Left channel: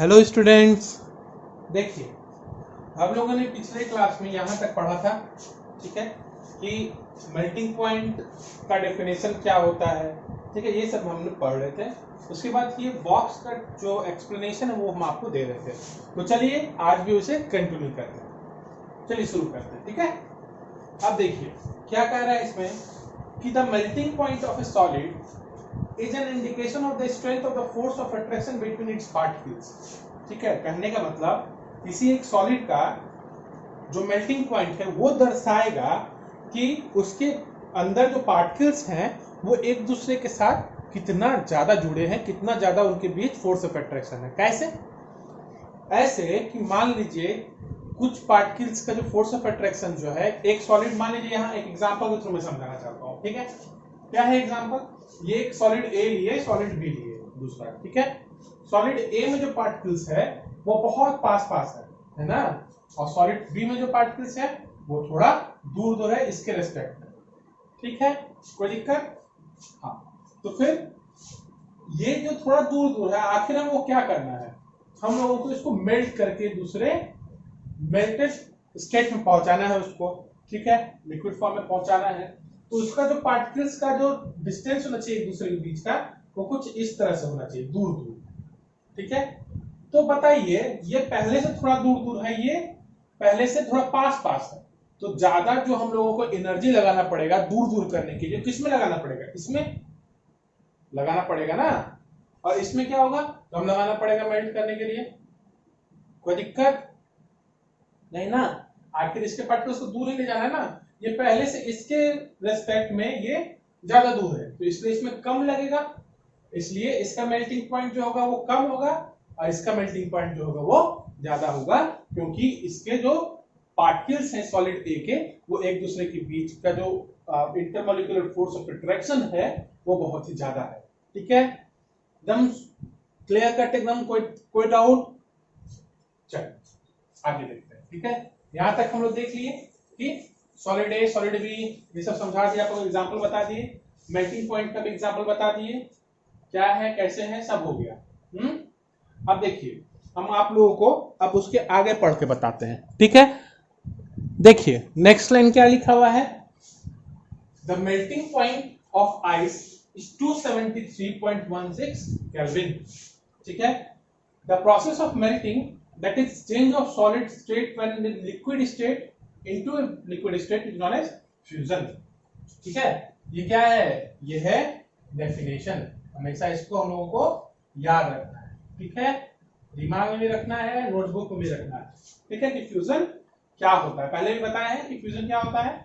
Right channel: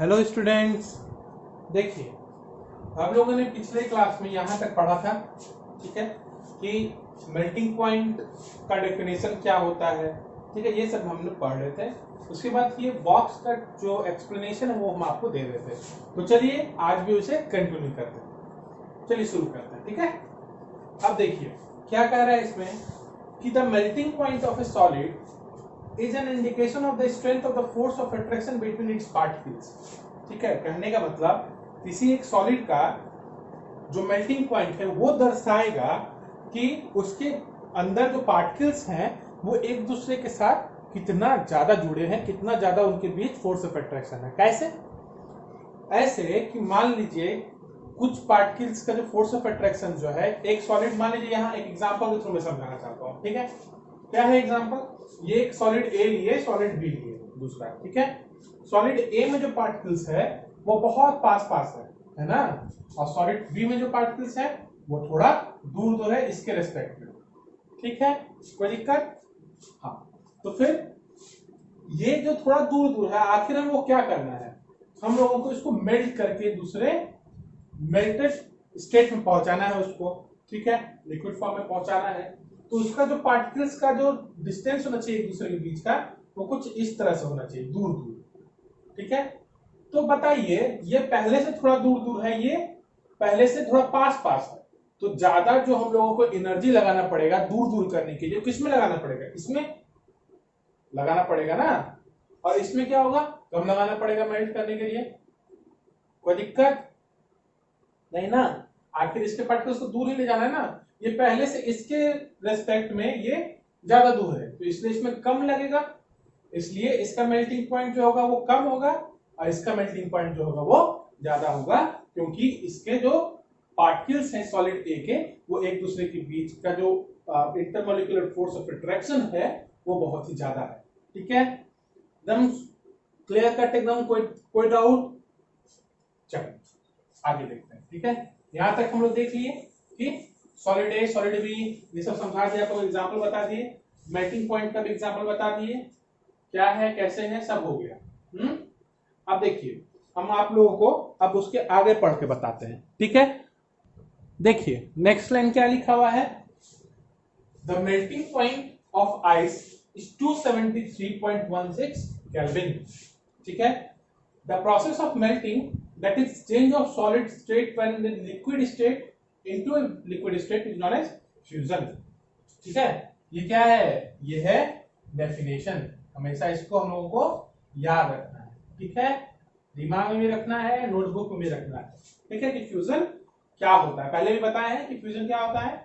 Hello students, देखिए हम लोगों ने पिछले क्लास में यहाँ तक पढ़ा था, ठीक है, कि मेल्टिंग पॉइंट का डेफिनेशन क्या होता है, ठीक है, ये सब हम लोग पढ़ रहे थे। उसके बाद ये बॉक्स का जो एक्सप्लेनेशन है वो हम आपको दे रहे थे। तो चलिए आज भी उसे कंटिन्यू करते हैं। चलिए शुरू करते हैं, ठीक है। अब देखिए क्या कह रहा है इसमें कि the melting point of A solid is an indication of the strength of the force of attraction between its particles। ठीक है, कहने का मतलब किसी एक सॉलिड का जो मेल्टिंग पॉइंट है वो दर्शाएगा कि उसके अंदर जो पार्टिकल्स हैं वो एक दूसरे के साथ कितना ज्यादा जुड़े हैं, कितना ज्यादा उनके बीच फोर्स ऑफ अट्रैक्शन है। कैसे? ऐसे कि मान लीजिए कुछ पार्टिकल्स का जो फोर्स ऑफ अट्रैक्शन जो है, एक सॉलिड मान लीजिए, यहाँ एक एग्जांपल के थ्रू मैं समझाना चाहता हूँ, ठीक है। क्या है एग्जांपल? ये एक सॉलिड ए लिए, सॉलिड बी लिए, दूसरा, ठीक है। सॉलिड ए में जो पार्टिकल्स है वो बहुत पास पास है ना, और सॉलिड बी में जो पार्टिकल्स है वो थोड़ा दूर दूर है इसके रेस्पेक्ट में, ठीक है। कोई दिक्कत? हाँ, तो फिर ये जो थोड़ा दूर दूर है, आखिर में वो क्या करना है, हम लोगों को इसको मेल्ट करके दूसरे मेल्टेड स्टेट में पहुंचाना है उसको, ठीक है, लिक्विड फॉर्म में पहुंचाना है। तो उसका जो पार्टिकल्स का जो डिस्टेंस होना चाहिए एक दूसरे के बीच का, वो कुछ इस तरह से होना चाहिए, दूर दूर, ठीक है। तो बताइए, ये पहले से थोड़ा दूर दूर है, ये पहले से थोड़ा पास पास है, तो ज्यादा जो हम लोगों को एनर्जी लगाना पड़ेगा दूर दूर करने के लिए, किसमें लगाना पड़ेगा? इसमें लगाना पड़ेगा ना। और इसमें क्या होगा? कम लगाना पड़ेगा मेल्ट करने के लिए। कोई दिक्कत नहीं ना, आखिर इसके पार्टिकल्स को दूर ही ले जाना है ना। ये पहले से इसके रेस्पेक्ट में ये ज्यादा दूर है, तो इसलिए इसमें कम लगेगा, इसलिए इसका मेल्टिंग पॉइंट जो होगा वो कम होगा और इसका मेल्टिंग पॉइंट जो होगा वो ज्यादा होगा, क्योंकि इसके जो पार्टिकल्स हैं सॉलिड ए के, वो एक दूसरे के बीच का जो इंटरमॉलिक्यूलर फोर्स ऑफ अट्रैक्शन है वो बहुत ही ज्यादा है, ठीक है। एकदम क्लियर कट, एकदम कोई डाउट? चलो आगे देखते हैं, ठीक है। यहां तक हम लोग देख लिए कि सॉलिड ए, सॉलिड बी, ये सब समझा दिया, आपको एग्जांपल बता दिए, मेल्टिंग पॉइंट का भी एग्जांपल बता दिए, क्या है कैसे है सब हो गया। अब देखिए हम आप लोगों को अब उसके आगे पढ़ के बताते हैं, ठीक है। देखिए नेक्स्ट लाइन क्या लिखा हुआ है, the melting point of ice is 273.16 kelvin, ठीक है। The process of melting, that is change of solid state when in liquid state into a liquid state, is known as fusion, ठीक है। ये क्या है? ये है डेफिनेशन। हमेशा इसको हम लोगों को याद रखना है, ठीक है, दिमाग में भी रखना है, नोटबुक में भी रखना है, ठीक है, कि फ्यूजन क्या होता है। पहले भी बताया है कि फ्यूजन क्या होता है,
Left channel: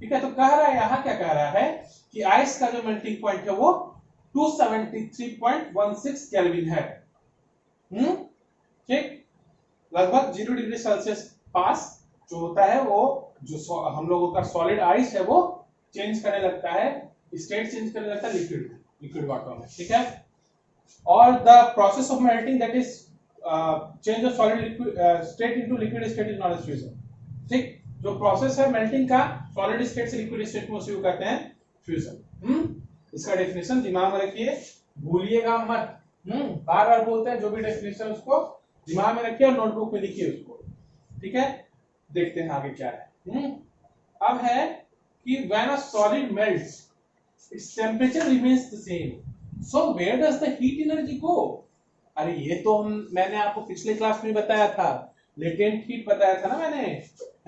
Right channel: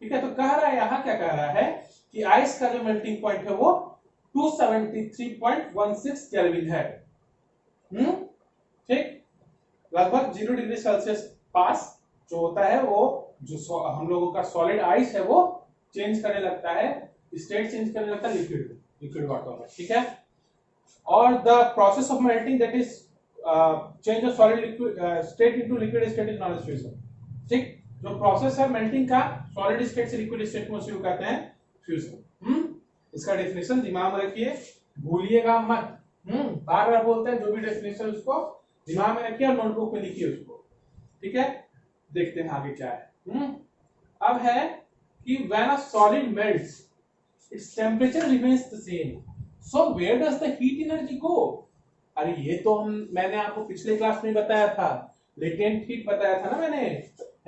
ठीक है। तो कह रहा है, यहाँ क्या कह रहा है कि आइस का जो मेल्टिंग पॉइंट है वो 273.16 केल्विन है, ठीक, लगभग 0 डिग्री सेल्सियस पास जो होता है, वो जो हम लोगों का सॉलिड आइस है वो चेंज करने लगता है, स्टेट चेंज करने लगता है लिक्विड वाटर में, ठीक है। और the process of melting, that is change of solid liquid state into liquid state, is known as fusion, ठीक। जो प्रोसेस है मेल्टिंग का सॉलिड स्टेट से लिक्विड स्टेट में, उसे कहते हैं फ्यूजन। इसका डेफिनेशन दिमाग में रखिए, भूलिएगा मत। बार बार बोलते हैं, जो भी डेफिनेशन उसको दिमाग में रखिए और नोटबुक में लिखिए उसको, ठीक है। देखते हैं आगे क्या है। अब है कि when a solid melts its temperature remains the same, so where does the heat energy go? अरे ये तो मैंने आपको पिछले क्लास में बताया था, लेटेंट हीट बताया था ना मैंने,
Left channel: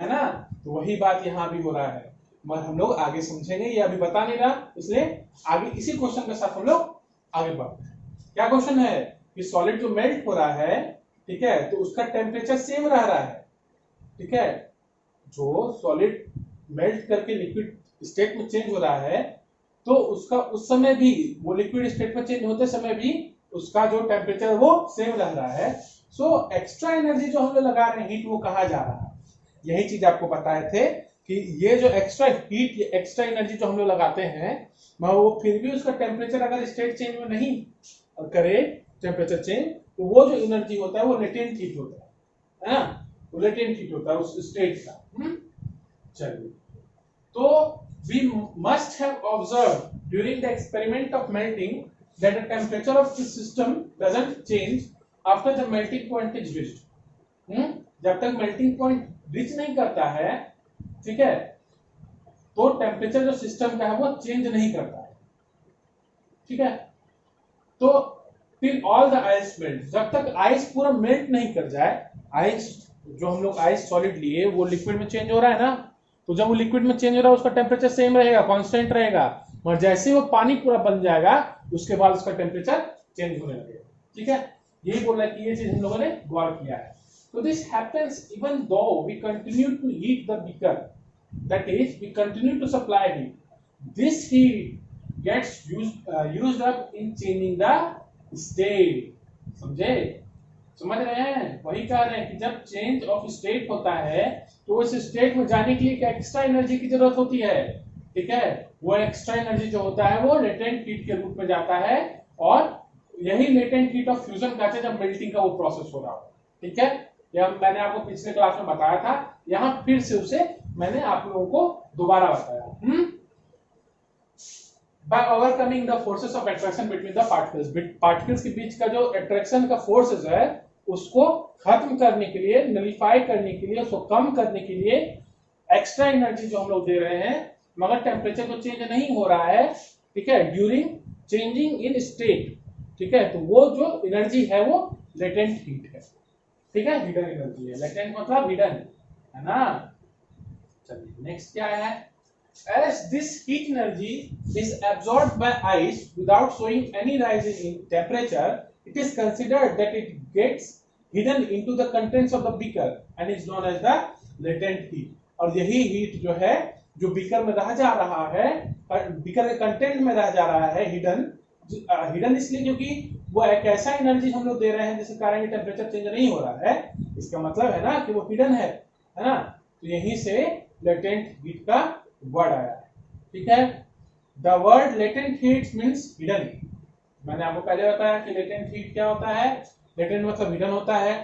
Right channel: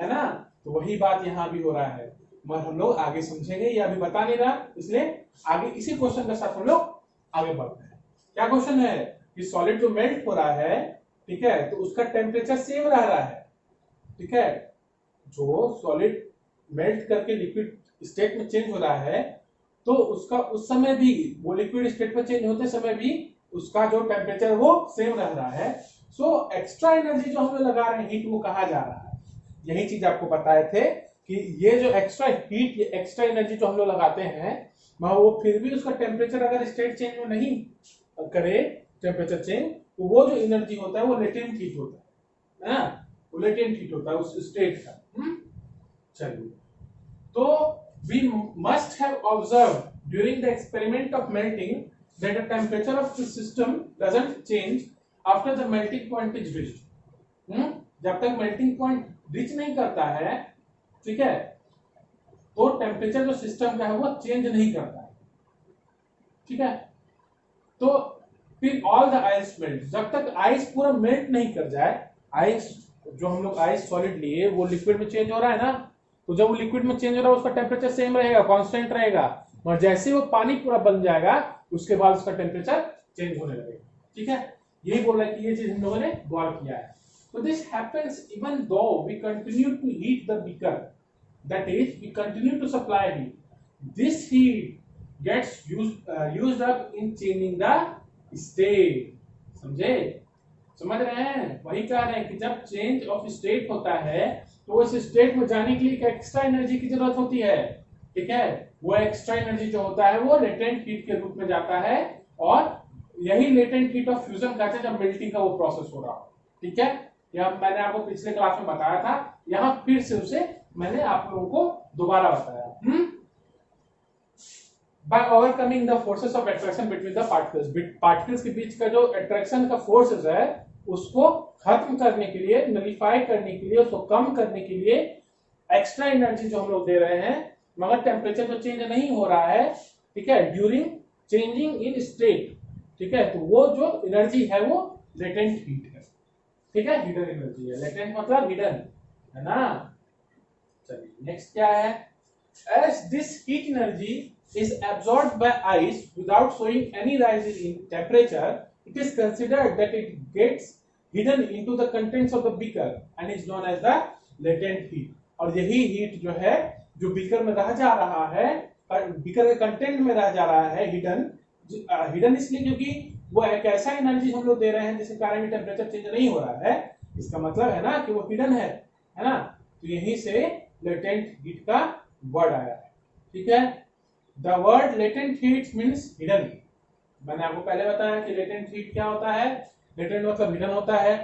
है ना। तो वही बात यहाँ भी हो रहा है, मगर हम लोग आगे समझेंगे, ये अभी बता नहीं रहा, इसलिए आगे इसी क्वेश्चन के साथ हम लोग आगे बढ़ते हैं। क्या क्वेश्चन है कि सॉलिड जो मेल्ट हो रहा है, ठीक है, तो उसका टेम्परेचर सेम रह रहा है, ठीक है। जो सॉलिड मेल्ट करके लिक्विड स्टेट में चेंज हो रहा है, तो उसका उस समय भी, वो लिक्विड स्टेट में चेंज होते समय भी उसका जो टेम्परेचर वो सेम रह रहा है। सो एक्स्ट्रा एनर्जी जो हम लोग लगा रहे हैं हीट, वो कहा जा रहा है, यही चीज आपको बताए थे कि ये जो एक्स्ट्रा हीट, ये एक्स्ट्रा एनर्जी जो हम लोग लगाते हैं, वो फिर भी उसका टेम्परेचर अगर स्टेट चेंज में नहीं करे, टेम्परेचर चेंज, तो वो जो एनर्जी होता है वो लेटेंट हीट होता है ना, वो लेटेंट हीट होता है उस स्टेट का। चलिए, तो we must have observed during the experiment of melting that the temperature of the system doesn't change after the melting point is reached. जब तक मेल्टिंग पॉइंट रीच नहीं करता है, ठीक है, तो टेम्परेचर जो सिस्टम का है वो चेंज नहीं करता है, ठीक है। तो फिर ऑल द आइस मेल्ट, जब तक आइस पूरा मेल्ट नहीं कर जाए, आइस जो हम लोग आइस सॉलिड लिए वो लिक्विड में चेंज हो रहा है ना, तो जब वो लिक्विड में चेंज हो रहा है उसका टेम्परेचर सेम रहेगा, कांस्टेंट रहेगा, मगर जैसे ही वो पानी पूरा बन जाएगा उसके बाद उसका टेम्परेचर चेंज होने लगेगा, ठीक है। यही बोल रहा है कि ये चीज हम लोगों ने गौर किया है। तो this happens even though we continue to heat the beaker, that is we continue to supply heat, this heat gets used up in changing the state. समझे, समझ रहे हैं, वही कह रहे हैं कि जब चेंज ऑफ स्टेट होता है तो उस स्टेट में जाने के लिए एक एक्स्ट्रा एनर्जी की जरूरत होती है, ठीक है। वो एक्स्ट्रा एनर्जी जो होता है वो लेटेंट हीट के रूप में जाता है, और यही लेटेंट हीट ऑफ फ्यूजन कहते हैं जब मेल्टिंग का वो प्रोसेस हो रहा हो, ठीक है। यह मैंने आपको पिछले क्लास में बताया था, यहाँ फिर से उसे मैंने आप लोगों को दोबारा बताया। By overcoming the forces of attraction between the particles, particles के बीच का जो अट्रैक्शन का फोर्सेस है उसको खत्म करने के लिए, नलिफाई करने के लिए, उसको कम करने के लिए एक्स्ट्रा एनर्जी जो हम लोग दे रहे हैं, मगर टेम्परेचर तो चेंज नहीं हो रहा है, ठीक है, ड्यूरिंग चेंजिंग इन स्टेट, ठीक है। तो वो जो एनर्जी है वो लेटेंट हीट है, ठीक है, हिडन एनर्जी है। लेटेंट मतलब हिडन, है ना। चलिए नेक्स्ट क्या है, as this heat energy is absorbed by ice without showing any rise in temperature, it is considered that it gets hidden into the contents of the beaker and is known as the latent heat। और यही heat जो है जो beaker में रह जा रहा है, बीकर के कंटेंट में रह जा रहा है, हिडन, हिडन इसलिए क्योंकि वो एक ऐसा एनर्जी हम लोग दे रहे हैं जिसके कारण टेम्परेचर चेंज नहीं हो रहा है, इसका मतलब है ना कि वो हिडन है ना। तो यहीं से लेटेंट हीट का वर्ड आया है, ठीक है। The word latent heat means hidden. मैंने आपको पहले बताया कि लेटेंट हीट क्या होता है, लेटेंट मतलब हिडन होता है।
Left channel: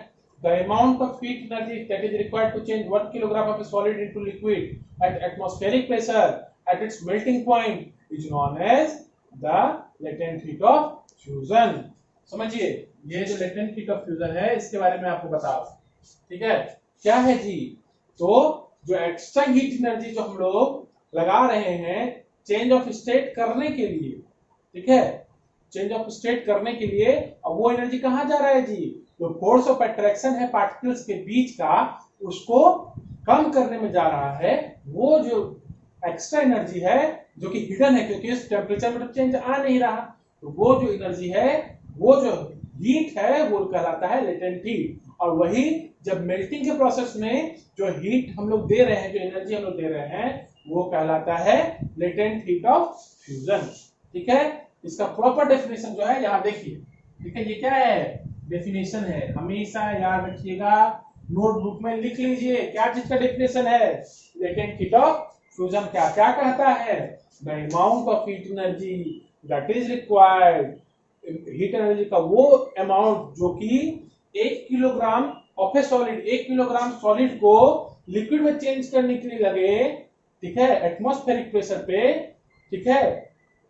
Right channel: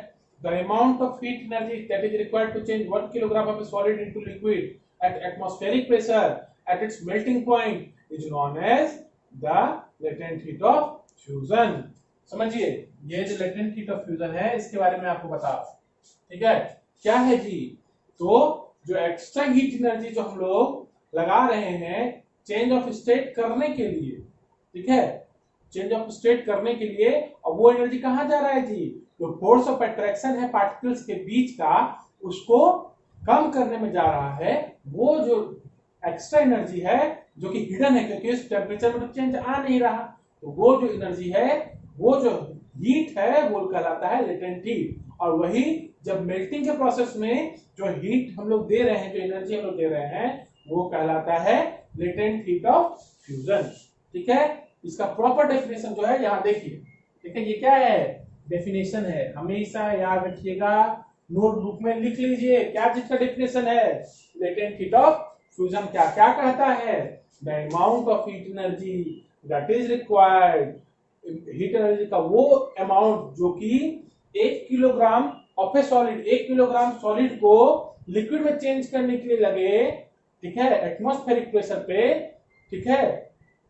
The amount of heat energy that is required to change 1 kilogram of solid into liquid at atmospheric pressure at its melting point is known as the latent heat of fusion. समझिए, ये जो latent heat of fusion है इसके बारे में आपको बता, ठीक है, क्या है जी। तो जो एक्स्ट्रा हीट एनर्जी जो हम लोग लगा रहे हैं चेंज ऑफ स्टेट करने के लिए, ठीक है, चेंज ऑफ स्टेट करने के लिए, अब वो एनर्जी कहां जा रहा है जी, जो फोर्स ऑफ अट्रैक्शन है पार्टिकल्स के बीच का उसको कम करने में जा रहा है। वो जो एक्स्ट्रा एनर्जी है जो कि हिडन है क्योंकि इस टेम्परेचर में तो चेंज आ नहीं रहा, तो वो जो एनर्जी है, वो जो हीट है वो कहलाता है लेटेंट हीट। और वही जब मेल्टिंग के प्रोसेस में जो हीट हम लोग दे रहे हैं, जो एनर्जी हम लोग दे रहे हैं, वो कहलाता है लेटेंट हीट ऑफ फ्यूजन, ठीक है। इसका प्रॉपर डेफिनेशन जो है यहाँ देखिए, ठीक है, ये क्या है, डेफिनेशन है, हमेशा याद रखिएगा, नोटबुक में लिख लीजिए क्या चीज का डेफिनेशन है। लेटेंट हीट ऑफ फ्यूजन क्या क्या कहता है, the amount of heat energy that is required, heat energy का वो अमाउंट जो कि 1 kilogram of A solid, 1 kilogram solid को लिक्विड में चेंज करने के लिए लगे, ठीक है, एटमॉस्फेरिक प्रेशर पे, ठीक है,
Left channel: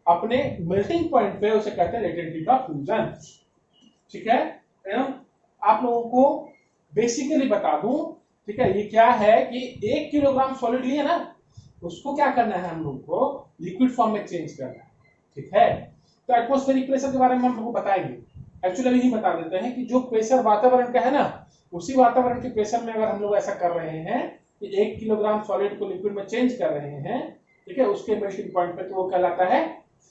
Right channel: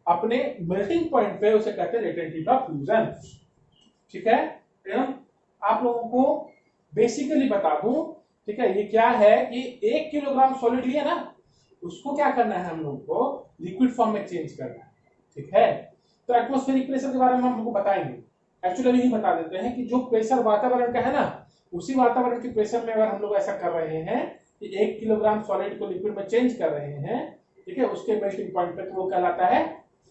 अपने मेल्टिंग पॉइंट पे, उसे कहते हैं लेटेंट हीट ऑफ फ्यूजन, ठीक है। आप लोगों को बेसिकली बता दूं, ठीक है, ये क्या है कि 1 किलोग्राम सॉलिड लिए ना, उसको क्या करना है, हम लोग को लिक्विड फॉर्म में चेंज करना है, ठीक है। तो एटमॉस्फेरिक प्रेशर के बारे में हम लोग बताएंगे, एक्चुअली यही बता देते हैं कि जो प्रेशर वातावरण का है ना, उसी वातावरण के प्रेशर में अगर हम लोग ऐसा कर रहे हैं कि 1 किलोग्राम सॉलिड को लिक्विड में चेंज कर रहे हैं, ठीक है, उसके मेल्टिंग पॉइंट पे, तो वो कहलाता है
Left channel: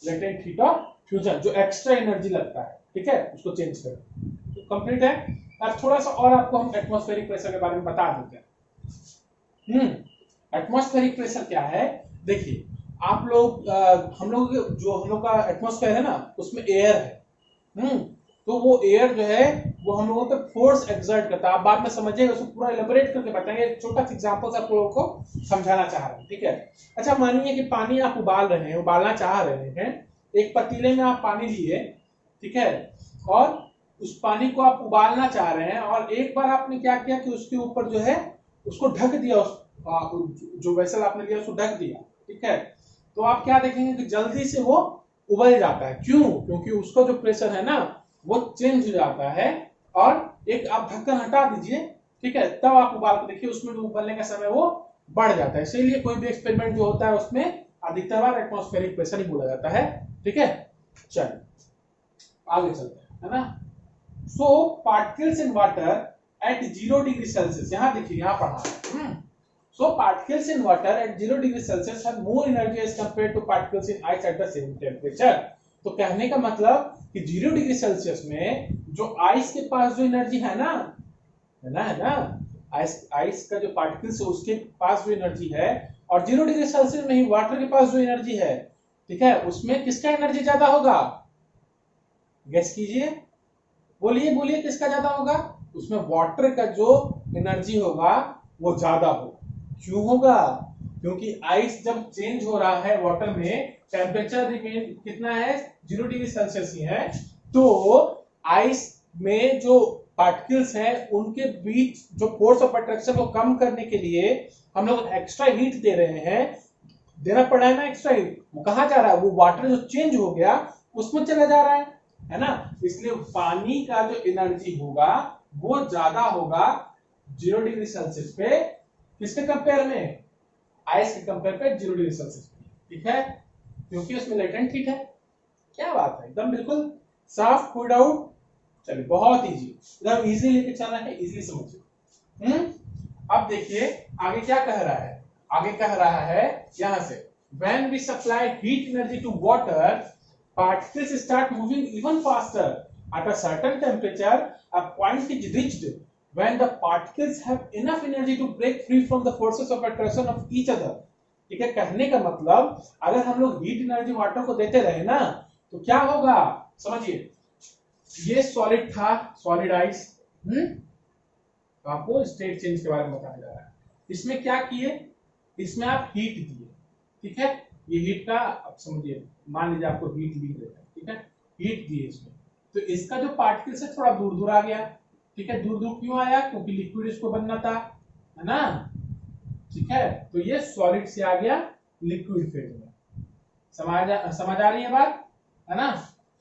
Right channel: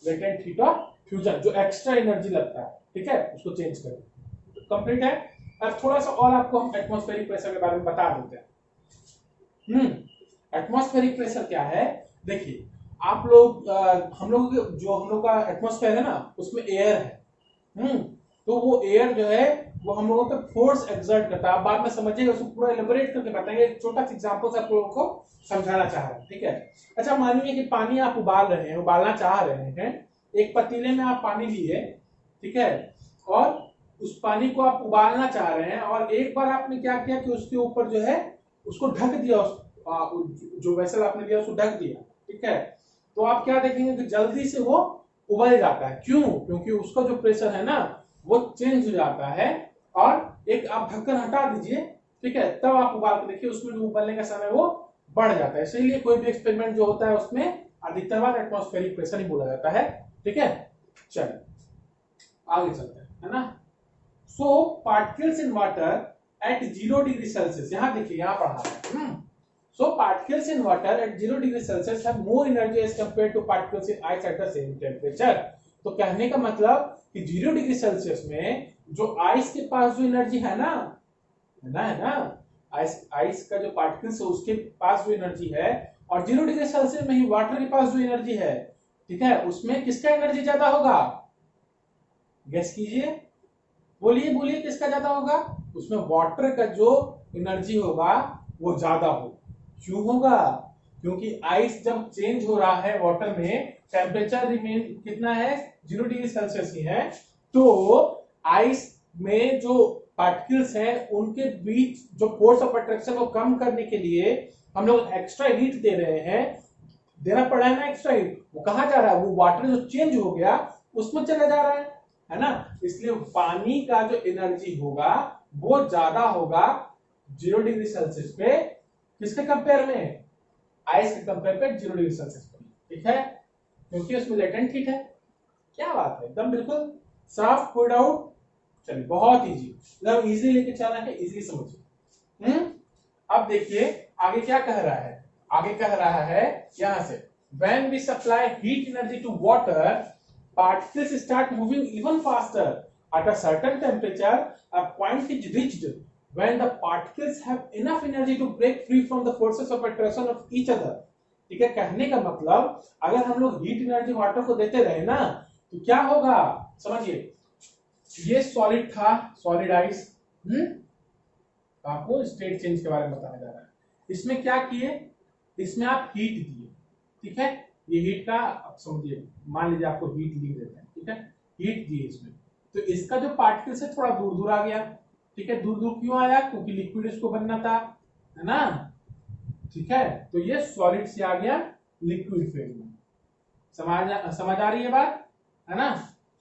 लेटेंट हीट ऑफ फ्यूजन, जो एक्स्ट्रा एनर्जी लगता है, ठीक है, उसको चेंज कर, तो कंप्लीट है। अब थोड़ा सा और आपको हम एटमॉस्फेरिक प्रेशर के बारे में बता देते हैं। एटमॉस्फेरिक प्रेशर क्या है, देखिए आप लोग, हम लोग जो हम लोग का एटमॉस्फेयर है ना, उसमें एयर है, तो वो एयर जो है वो हम लोगों पे फोर्स एक्सर्ट करता है। आप बाद में समझिएगा, उसको पूरा एलेबोरेट करके बताएंगे, एक छोटा सा एग्जांपल से आप लोगों को समझाना चाह रहे हैं, ठीक है। अच्छा, मानिए कि पानी आप उबाल रहे हैं, उबालना चाह रहे हैं, एक पतीले में आप पानी लिए, ठीक है, और उस पानी को आप उबालना चाह रहे हैं, और एक बार आपने क्या किया कि उसके ऊपर जो है उसको ढक दिया, जो वेसल आपने लिया उसको ढक दिया, ठीक है। तो आप क्या देखेंगे कि जल्दी से वो उबल जाता है, क्यों, क्योंकि उसका जो प्रेशर है ना वो चेंज हो जाता है, और एक आप ढक्कन हटा दीजिए, ठीक है, तब आप उबाल के देखिए, उसमें जो उबलने का समय वो बढ़ जाता है। इसीलिए कोई भी एक्सपेरिमेंट जो होता है उसमें अधिकतर बार एटमॉस्फेरिक प्रेशर ही बोला जाता है, ठीक है। चलिए आगे चलते हैं, है ना। So particles in water at 0 degree Celsius, यहां देखिए, यहां पढ़ा है। So particles in water at 0 degree Celsius have more energy as compared to particles in ice at the same temperature। तो कहने का मतलब कि 0 डिग्री सेल्सियस में जो आइस के पास जो एनर्जी है ना, आइस का जो पार्टिकल्स है उसके पास जो एनर्जी है, और 0 डिग्री सेल्सियस में ही वाटर के पास जो एनर्जी है, ठीक है, उसमें किसका एनर्जी ज्यादा होगा? गेस कीजिए, बोलिए बोलिए, किसका ज्यादा होगा? उसमें वाटर का जो एनर्जी होगा वो ज्यादा होगा। क्यों होगा? क्योंकि आइस जब चेंज हो रहा है वाटर में, टेम्परेचर रिमेन कितना है? 0 डिग्री सेल्सियस ही है, तो आइस में जो पार्टिकल्स हैं उनके बीच जो फोर्स ऑफ अट्रैक्शन को कम करने के लिए हम लोग एक्स्ट्रा हीट दे रहे हैं, देना पड़ा है ना एक्स्ट्रा हीट। वो कहाँ जा रहा है? वो वाटर जो चेंज हो गया उसमें चला जा रहा है ना। इसलिए पानी का जो एनर्जी होगा वो ज्यादा होगा 0 डिग्री सेल्सियस पे, किसके कंपेयर में? आइस के कंपेयर पे 0 डिग्री सेल्सियस पे, ठीक है, क्योंकि उसमें लेटेंट हीट है। क्या बात है, एकदम बिल्कुल साफ कोड आउट। चलिए बहुत इजी, एकदम इजी लेके चलना है, इजी समझिए। अब देखिए आगे क्या कह रहा है। आगे कह रहा है यहां से, when we supply heat energy to water, particles start moving even faster at a certain temperature. A point is reached when the particles have enough energy to break free from the forces of attraction of each other। ठीक है, कहने का मतलब अगर हम लोग heat energy water को देते रहे ना तो क्या होगा, समझिए। ये सॉलिड था, सॉलिड आइस, आपको स्टेट चेंज के बारे में बताया जा रहा है। इसमें क्या किए? इसमें आप हीट दिए, ठीक है, ये हीट का आप समझिए, मान लीजिए आपको हीट ली देता है, ठीक है, हीट दिए इसमें, तो इसका जो पार्टिकल से थोड़ा दूर दूर आ गया, ठीक है। दूर दूर क्यों आया? क्योंकि लिक्विड इसको बनना था, है ना, ठीक है। तो ये सॉलिड से आ गया लिक्विड फेज में। समझ आ रही है बात, है ना।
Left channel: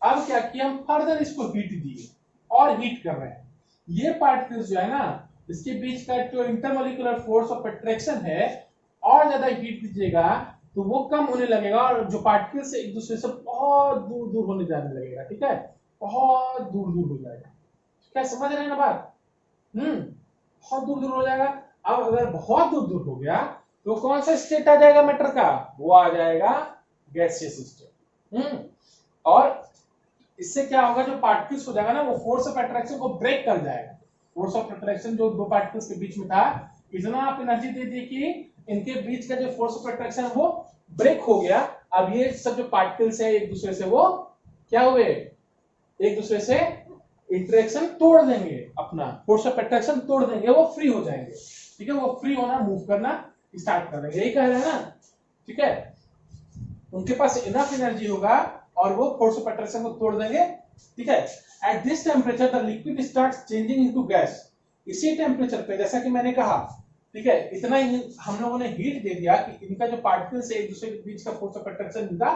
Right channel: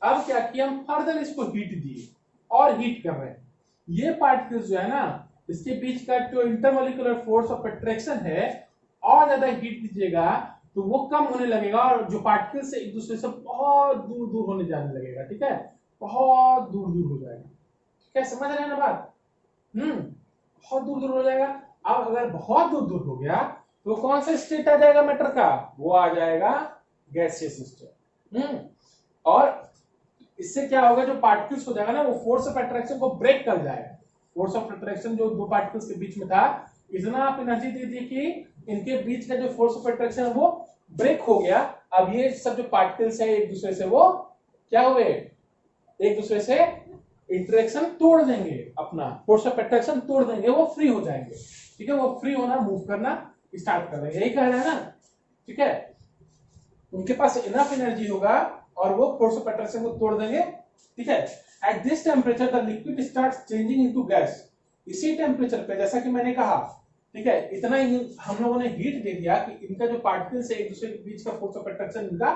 अब क्या किया, हम फर्दर इसको हीट दिए और हीट कर रहे हैं। ये पार्टिकल्स जो है ना, इसके बीच का जो इंटरमोलिकुलर फोर्स ऑफ अट्रैक्शन है, और ज्यादा हीट दीजिएगा तो वो कम होने लगेगा, और जो पार्टिकल्स एक दूसरे से बहुत दूर दूर होने जाने लगेगा, ठीक है, बहुत दूर दूर हो जाएगा, ठीक है, समझ रहे हैं ना बात। बहुत दूर दूर हो जाएगा। अब अगर बहुत दूर दूर हो गया तो कौन सा स्टेट आ जाएगा मैटर का? वो आ जाएगा गैसियस स्टेट। और इससे क्या होगा, जो पार्टिकल्स हो जाएगा ना, वो फोर्स ऑफ अट्रैक्शन को ब्रेक कर जाएगा। फोर्स ऑफ अट्रैक्शन जो दो पार्टिकल्स के बीच में था, इतना आप एनर्जी दे दी कि इनके बीच का जो फोर्स ऑफ अट्रैक्शन है वो ब्रेक हो गया। अब ये सब जो पार्टिकल्स हैं एक दूसरे से वो क्या हुए, एक दूसरे से इंटरेक्शन तोड़ देंगे, अपना फोर्स ऑफ अट्रैक्शन तोड़ देंगे, वो फ्री हो जाएंगे, ठीक है, वो फ्री होना, मूव करना स्टार्ट कर देंगे, यही कह रहे हैं ना, ठीक है। उनके पास इनफ एनर्जी होगा और वो फोर्स ऑफ अट्रैक्शन को तोड़ देंगे, ठीक है। At this temperature the liquid starts changing into gas. इसी टेम्परेचर पे, जैसा कि मैंने कहा, ठीक है, इतना ही हम लोगों ने हीट दे दिया कि इनका जो पार्टिकल्स है एक दूसरे के बीच का फोर्स ऑफ अट्रैक्शन इनका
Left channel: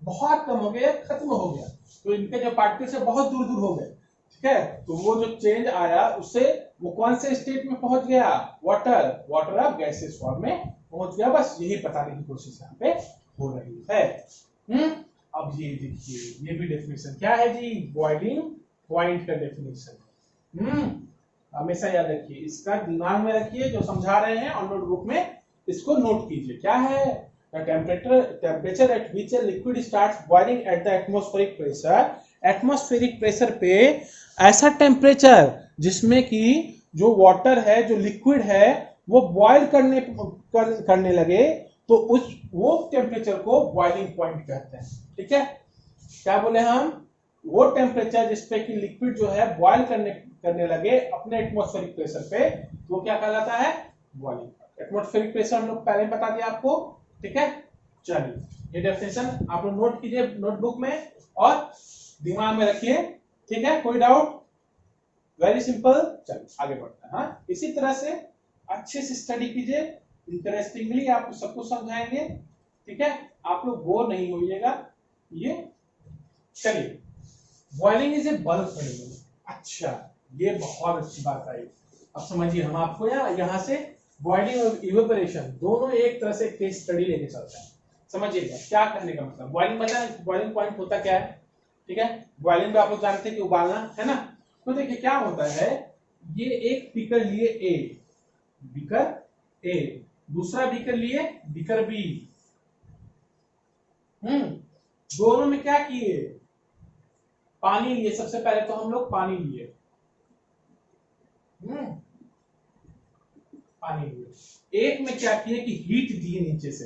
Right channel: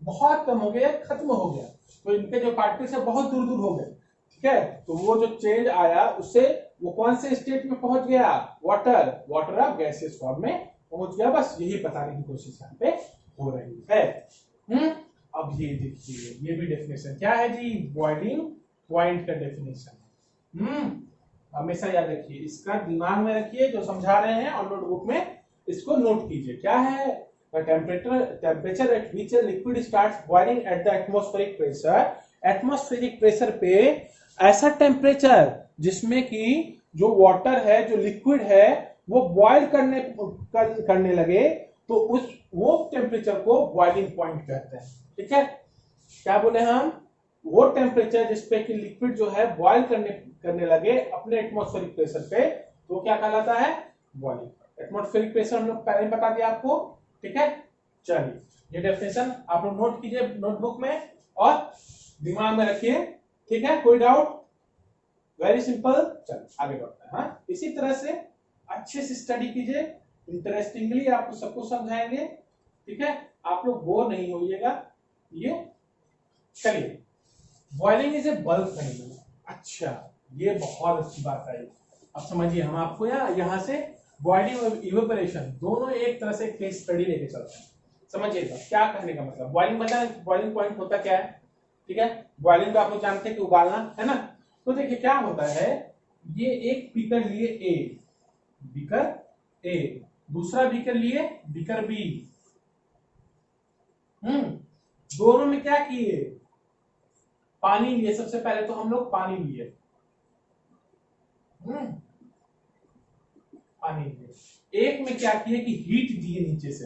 बहुत कम हो गया, खत्म हो गया, तो इनके जो पार्टिकल्स है बहुत दूर दूर हो गए, ठीक है। तो वो जो चेंज आया उससे वो कौन से स्टेट में पहुंच गया? वाटर, वाटर अब गैसियस फॉर्म में पहुंच गया। बस यही बताने की कोशिश यहाँ पे हो रही है। अब ये देखिए, ये भी डेफिनेशन क्या है जी, बॉइलिंग पॉइंट का डेफिनेशन। हमेशा याद रखिए, इसका दिमाग में रखिए, जो समझा रहे हैं और नोटबुक में इसको नोट कीजिए। क्या है? Temperature at which a liquid starts boiling at the atmospheric pressure. Atmospheric pressure पे ऐसा टेम्परेचर जिसमें कि जो वाटर है, जो लिक्विड है, वो बॉयल करने लगे, तो उस वो टेम्परेचर को बॉइलिंग पॉइंट कहते हैं, ठीक है। क्या बोले हम? वो टेम्परेचर जिसपे कि लिक्विड जो है बॉयल करने लगे अपने एटमॉस्फेरिक प्रेशर पे, तो क्या कहलाता है? बॉइलिंग। एटमॉस्फेरिक प्रेशर हम लोग पहले बता दिया आपको, ठीक है। चलिए ये डेफिनेशन आप लोग नोट कीजिए नोटबुक में और दिमाग में रखिए, ठीक है। कोई डाउट? Very simple. चलिए आगे बढ़ते हैं। हाँ, इसी तरह से अच्छे से स्टडी कीजिए, इंटरेस्टिंगली आपको सब कुछ समझाएंगे, ठीक है, आप लोग बोर नहीं होइएगा। ये चलिए, boiling is a bulk phenomenon. अच्छा, ये बहुत अच्छी बात आई। अब समझिए हम आपको यहाँ से बॉइलिंग और इवेपोरेशन दोनों एक तरह से केस स्टडी लेके चलते हैं। समझिएगा क्या करने का मतलब, बॉइलिंग मतलब बॉइलिंग पॉइंट होता क्या है, ठीक है। बॉइलिंग में आप लोग जानते हैं कि उबालना है ना। तो देखिए क्या होता है, ये एक बीकर लिए ए, बीकर ए, दूसरा बीकर लिए बीकर बी, दोनों में क्या किए, पानी लिए। सबसे पहले तो हम लोग पानी लिए, पानी लिए। एक में क्या किए कि हीट दिए नीचे से,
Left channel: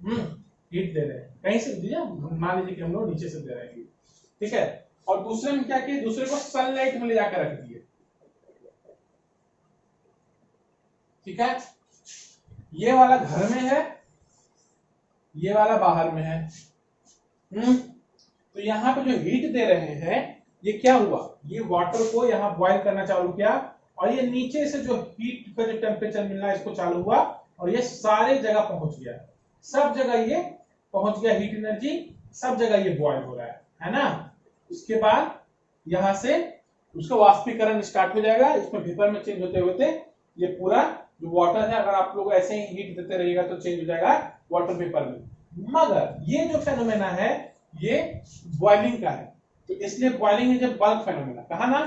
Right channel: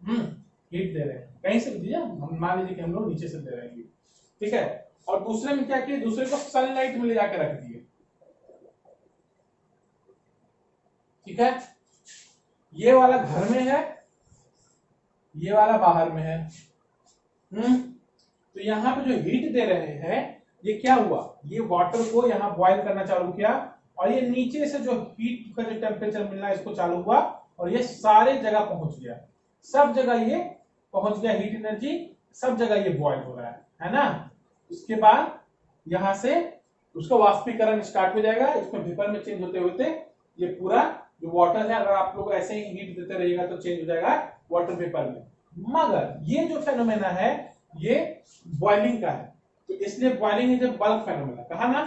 हीट दे रहे हैं कहीं से दिया, हम मान लीजिए कि हम लोग नीचे से दे रहे हैं, ठीक है। और दूसरे में क्या किए, दूसरे को सनलाइट में ले जाकर रख दिए, ठीक है। ये वाला घर में है, ये वाला बाहर में है। तो यहाँ पे जो हीट दे रहे हैं, ये क्या हुआ, ये वाटर को यहाँ बॉईल करना चालू किया, और ये नीचे से जो हीट का जो टेम्परेचर मिलना है इसको चालू हुआ, और ये सारे जगह पहुंच गया, सब जगह ये पहुंच गया, हीट एनर्जी सब जगह ये बॉईल हो रहा है ना। उसके बाद यहां से उसका वाष्पीकरण स्टार्ट हो जाएगा, इसमें वेपर में चेंज होते होते ये पूरा जो वाटर है, अगर आप लोग ऐसे ही हीट देते रहिएगा तो चेंज हो जाएगा वाटर वेपर में। मगर ये जो फेनोमेना है ये बॉइलिंग का है, तो इसलिए boiling is a bulk phenomena. कहा ना,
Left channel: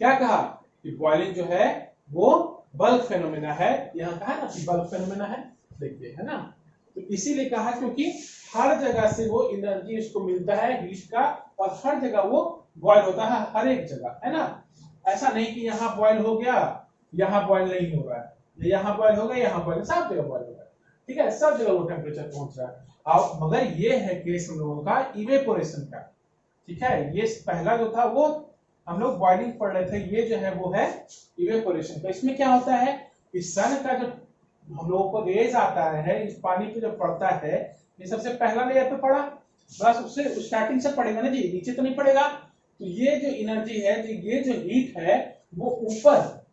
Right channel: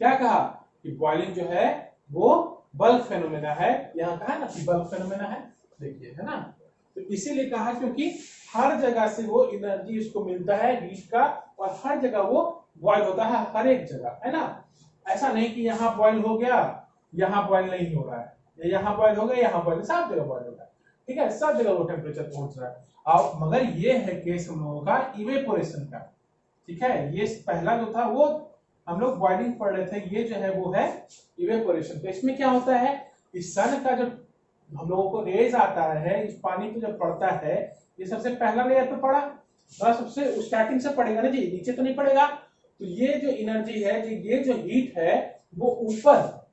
क्या कहा कि बॉइलिंग जो है वो बल्क फेनोमेना है, यहाँ कहा ना कि बल्क फेनोमेना है, देखिए है ना। तो इसीलिए कहा क्योंकि हर जगह से वो एनर्जी उसको मिलता है हीट का, और हर जगह वो बॉयल होता है, हर एक जगह, है ना। ऐसा नहीं कि यहाँ बॉयल हो गया यहाँ बॉयल नहीं हो रहा है, यहाँ बॉयल हो गया यहाँ बॉयल, सब जगह बॉयल हो रहा है, ठीक है, सब जगह वो टेम्परेचर पहुंच रहा है। अब मगर ये है केस हम लोगों का इवेपोरेशन का, ठीक है। ये पहला जो था वो हम लोग बॉइलिंग पढ़ रहे थे, ये जो है वो है इवेपोरेशन का। इसमें क्या होता है, इस सन का जो हम लोगों को रेज आता है, इस पानी पे जब पड़ता है, ये सबसे पहला लेयर पे पड़ा, बस उससे स्टार्टिंग से पड़ेगा ना जी, नीचे तो नहीं पड़ेगा। तो ये जो एनर्जी है, ये जो हीट है वो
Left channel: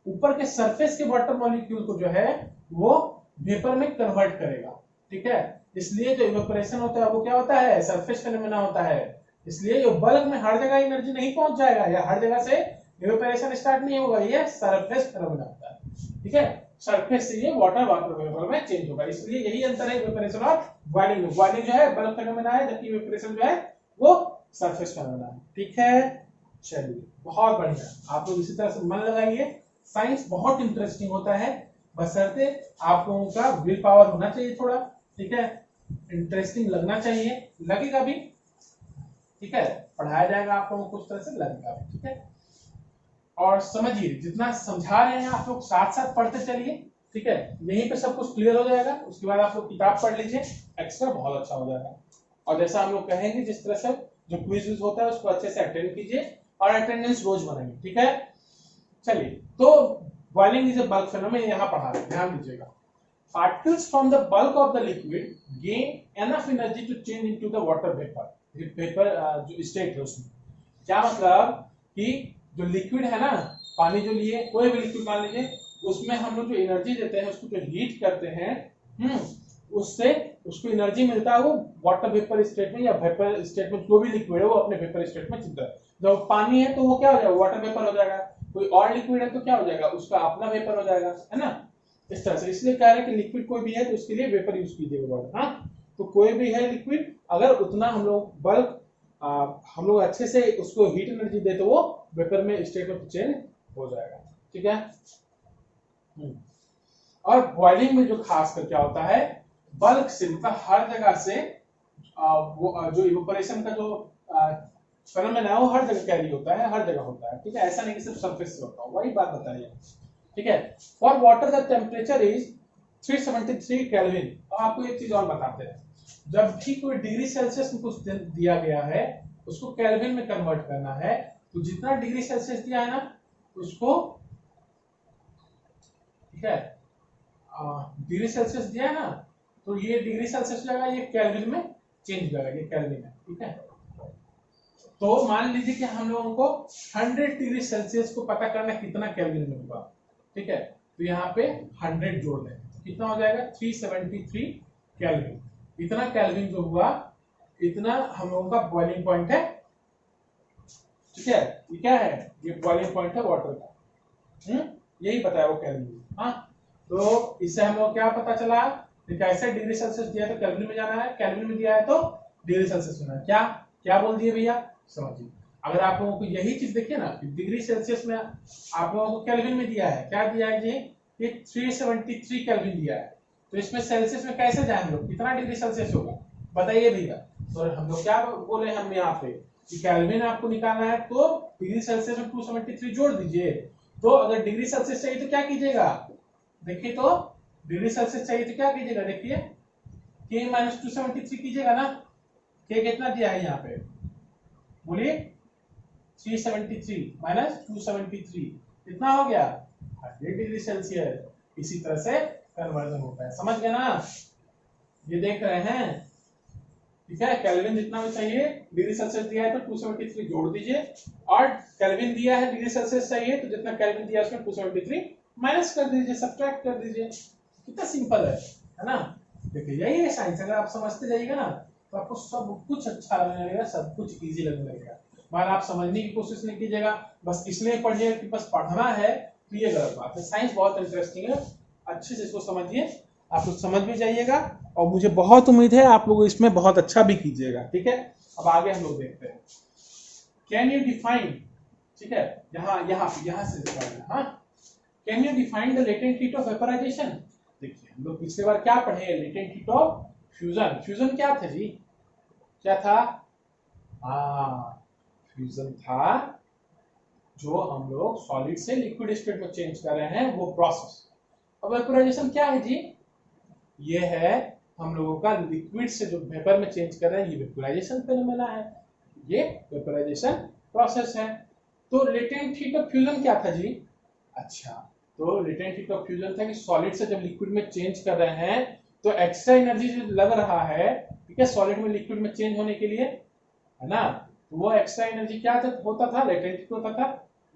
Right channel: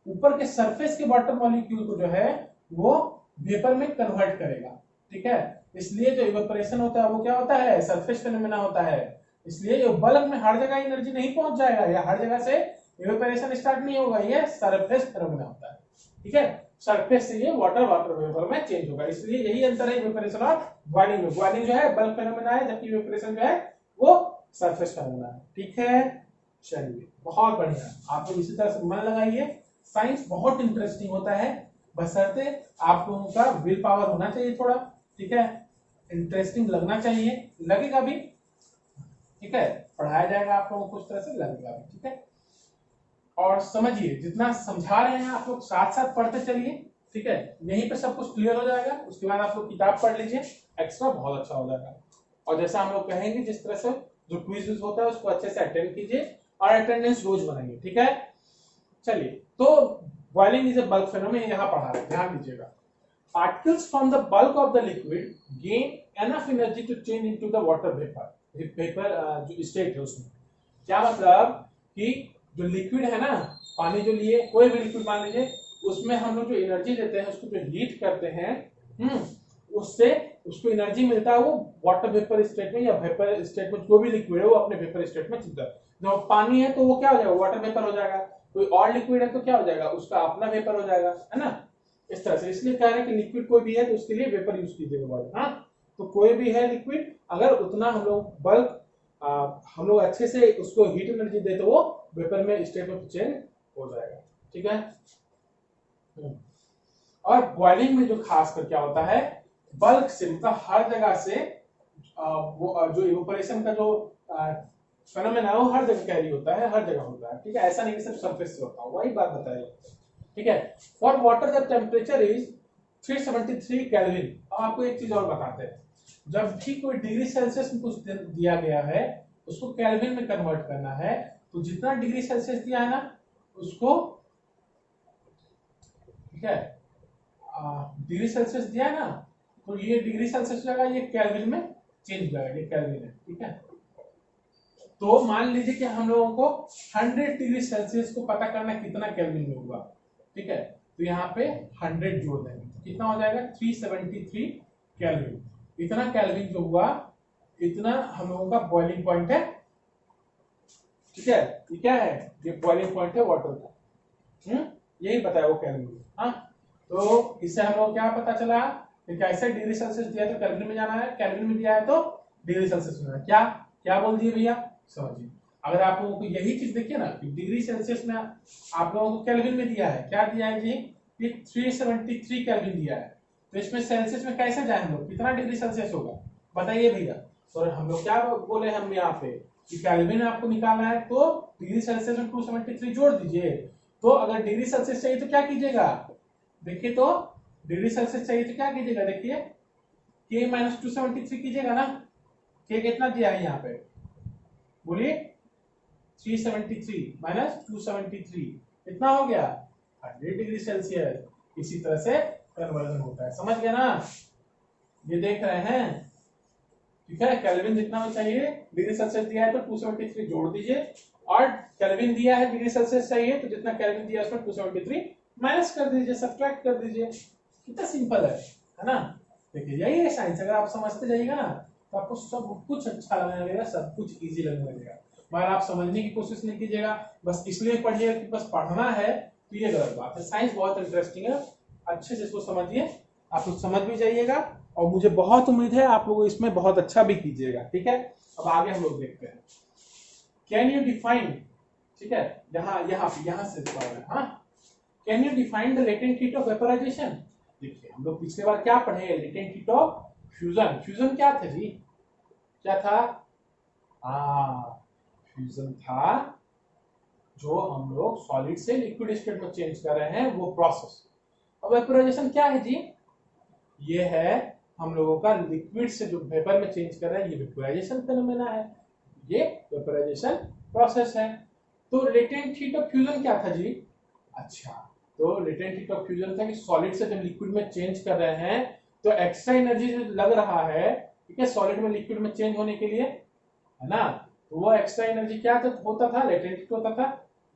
ऊपर के सरफेस के वाटर मॉलिक्यूल को जो है वो वेपर में कन्वर्ट करेगा, ठीक है। इसलिए जो इवेपोरेशन होता है वो क्या होता है, सरफेस फेनोमेना होता है। इसलिए जो बल्क में हर जगह एनर्जी नहीं पहुंच जाएगा, या हर जगह से इवेपोरेशन स्टार्ट नहीं होगा, ये सरफेस फेनोमेना होता है, ठीक है। सरफेस से ये वाटर वेपर में चेंज होगा, इसलिए यही अंतर है इवेपोरेशन और बॉइलिंग में। बॉइलिंग जो है बल्क फेनोमेना है, जबकि इवेपोरेशन जो है वो सरफेस फेनोमेना है, ठीक है। चलिए बहुत बढ़िया, आप लोग इसी तरह से मन लगाइए, साइंस बहुत इंटरेस्टिंग होता है, बशर्ते आप लोगों का विल पावर होना चाहिए थोड़ा, ठीक है। इंटरेस्टिंग लगना चाहिए, लगेगा भी, ठीक है। पढ़ाया जाएगा आप लोगों को उस तरह से लगेगा भी, ठीक है। और समझिए जितना समझा रहे हैं आप लोग साथ साथ पढ़ते चलिए, ठीक है। यहीं पे सब कुछ क्लियर हो जाएगा, उसके बाद आप लोग किताब पढ़ लीजिए, एक्स्ट्रा बहुत अच्छा हो जाएगा। और जैसा हम लोग कहेंगे जिस तरह से जो क्विज होता है उसको अच्छे से अटेंड कीजिए, और अटेंडेंस रोज बनाइए, ठीक है। चलिए, तो boiling is a bulk phenomena, यहाँ पढ़ा रहे हैं, ध्यान दीजिएगा। Particles from the bulk of the liquid gain enough energy to change into the water vapor जो स्टेट है उसमें। क्या मतलब कि जो लिक्विड है ना, पानी जो लिए, कोई भी लिक्विड मान लीजिए, उसमें हम लोग जो एनर्जी देते हैं, उसको जो हीट करते हैं, उससे उसको एनर्जी मिलता है, वो वाटर वेपर स्टेट में या वेपर स्टेट में, जो भी लिक्विड है वो अपने वेपर स्टेट में चलता है। जब पानी है तो वो क्या हो जाएगा, वाटर वेपर हो जाएगा। कोई और लिक्विड है तो क्या हो जाएगा, उसका अपना वेपर हो जाएगा, है ना, इस तरह से। इसलिए कह रहे हैं कि लिक्विड कोई भी है तो उसके लिए वेपर यूज कीजिएगा वर्ड, हाँ। तो कोई भी है लिक्विड, अगर उतना हम लोग बल्क हम लोग अच्छे से उसको हीट एनर्जी दे तो वो वेपर में स्टेट में चेंज हो जाएगा, ठीक है। और बॉइलिंग में जो खास कर क्या होता है, बल्क से मतलब हर जगह से वो जो इवेपोरेशन का जो फेनोमेना है वो हर जगह कैरी होता है, हर जगह होता है, ठीक है। ऐसा नहीं कि सिर्फ सरफेस से होता है, वही बात बताइए, ठीक है। For water the temperature is 373 kelvin. अब आपको एक चीज और बताते हैं, जब भी कोई डिग्री सेल्सियस में कुछ दिया गया है उसको केल्विन में कन्वर्ट करना है, तो जितना डिग्री सेल्सियस दिया है ना उसको, ठीक है, डिग्री सेल्सियस दिया है ना, तो ये डिग्री सेल्सियस जाएगा, ये केल्विन में चेंज हो जाएगा, ये केल्विन है, ठीक है। तो मान लीजिए कि हम लोगों को 100 डिग्री सेल्सियस को पता करना कितना केल्विन में होगा, ठीक है। तो यहाँ पे 100 जोड़ देंगे तो कितना हो जाएगा, 373 केल्विन। इतना केल्विन जो हुआ, इतना हम लोगों का बॉइलिंग पॉइंट है, ठीक है। ये क्या है, ये बॉइलिंग पॉइंट है वाटर का, यही बताया वो केल्विन। हाँ, तो इससे हम लोग क्या पता चला कि कैसे डिग्री सेल्सियस दिया तो केल्विन में जाना है, केल्विन में दिया है तो डिग्री सेल्सियस में। क्या क्या बोल दिए भैया, समझिए। अगर आप लोगों को यही चीज देखिए ना कि डिग्री सेल्सियस में आप लोगों को केल्विन में दिया है, क्या दिया है जी कि 373 केल्विन दिया है, तो इसमें सेल्सियस में कैसे जाए हम लोग, कितना डिग्री सेल्सियस होगा बताइए भैया। तो हम लोग क्या बोले हम यहाँ पे कि केल्विन आपको निकालना है तो डिग्री सेल्सियस में 273 जोड़ दीजिए। तो अगर डिग्री सेल्सियस चाहिए तो क्या कीजिएगा, देखिए तो डिग्री सेल्सियस चाहिए तो क्या कीजिएगा, देखिए के माइनस 273 कीजिएगा ना। के कितना दिया है यहाँ पे बोलिए, 373 माइनस 273 कितना हो गया, 100 डिग्री सेल्सियस। इसी तरह से कन्वर्जन होता है, समझ गए ना, ये देख रहे हैं, ठीक है। केल्विन जितना चाहिए डिग्री सेल्सियस दिया है तो 273 जोड़ दीजिए, और केल्विन दिया है डिग्री सेल्सियस चाहिए तो जितना केल्विन दिया है उसमें 273 माइनस कर दीजिए, सब्ट्रैक्ट कर दीजिए। कितना सिंपल है ना। देखिए यही है साइंस, अगर आप समझते जाइएगा ना तो आपको सब कुछ अच्छा लगने लगेगा, सब कुछ इजी लगने लगेगा। मगर आप समझने की कोशिश नहीं कीजिएगा, बस इसलिए पढ़िएगा कि बस पढ़ना है, तो ये गलत बात है। साइंस बहुत इंटरेस्टिंग है, अच्छे से इसको समझिए, आप लोग समझ भी जाइएगा, और मुझे बहुत उम्मीद है आप लोग इसमें बहुत अच्छा भी कीजिएगा, ठीक है। अब आगे हम लोग देखते हैं, कैन यू डिफाइन, ठीक है, यहाँ से हाँ, can you define the latent heat of vaporisation. देखिए हम लोग पिछले बार क्या पढ़े, latent heat of fusion. Fusion क्या था जी, क्या था, फ्यूजन था जो हम लोग सॉलिड से लिक्विड स्टेट में चेंज कर रहे हैं, वो प्रोसेस। अब वेपराइजेशन क्या है जी, ये है हम लोगों का लिक्विड से जो वेपर में चेंज कर रहे हैं, ये वेपराइजेशन फेनोमेना है, ये वेपराइजेशन प्रोसेस है। तो लेटेंट हीट ऑफ फ्यूजन क्या था जी, अच्छा, तो लेटेंट हीट ऑफ फ्यूजन था कि सॉलिड से जब लिक्विड में चेंज कर रहे हैं तो एक्स्ट्रा एनर्जी जो लग रहा है, ठीक है, सॉलिड में लिक्विड में चेंज होने के लिए, है ना, तो वो एक्स्ट्रा एनर्जी क्या होता था, लेटेंट हीट होता था,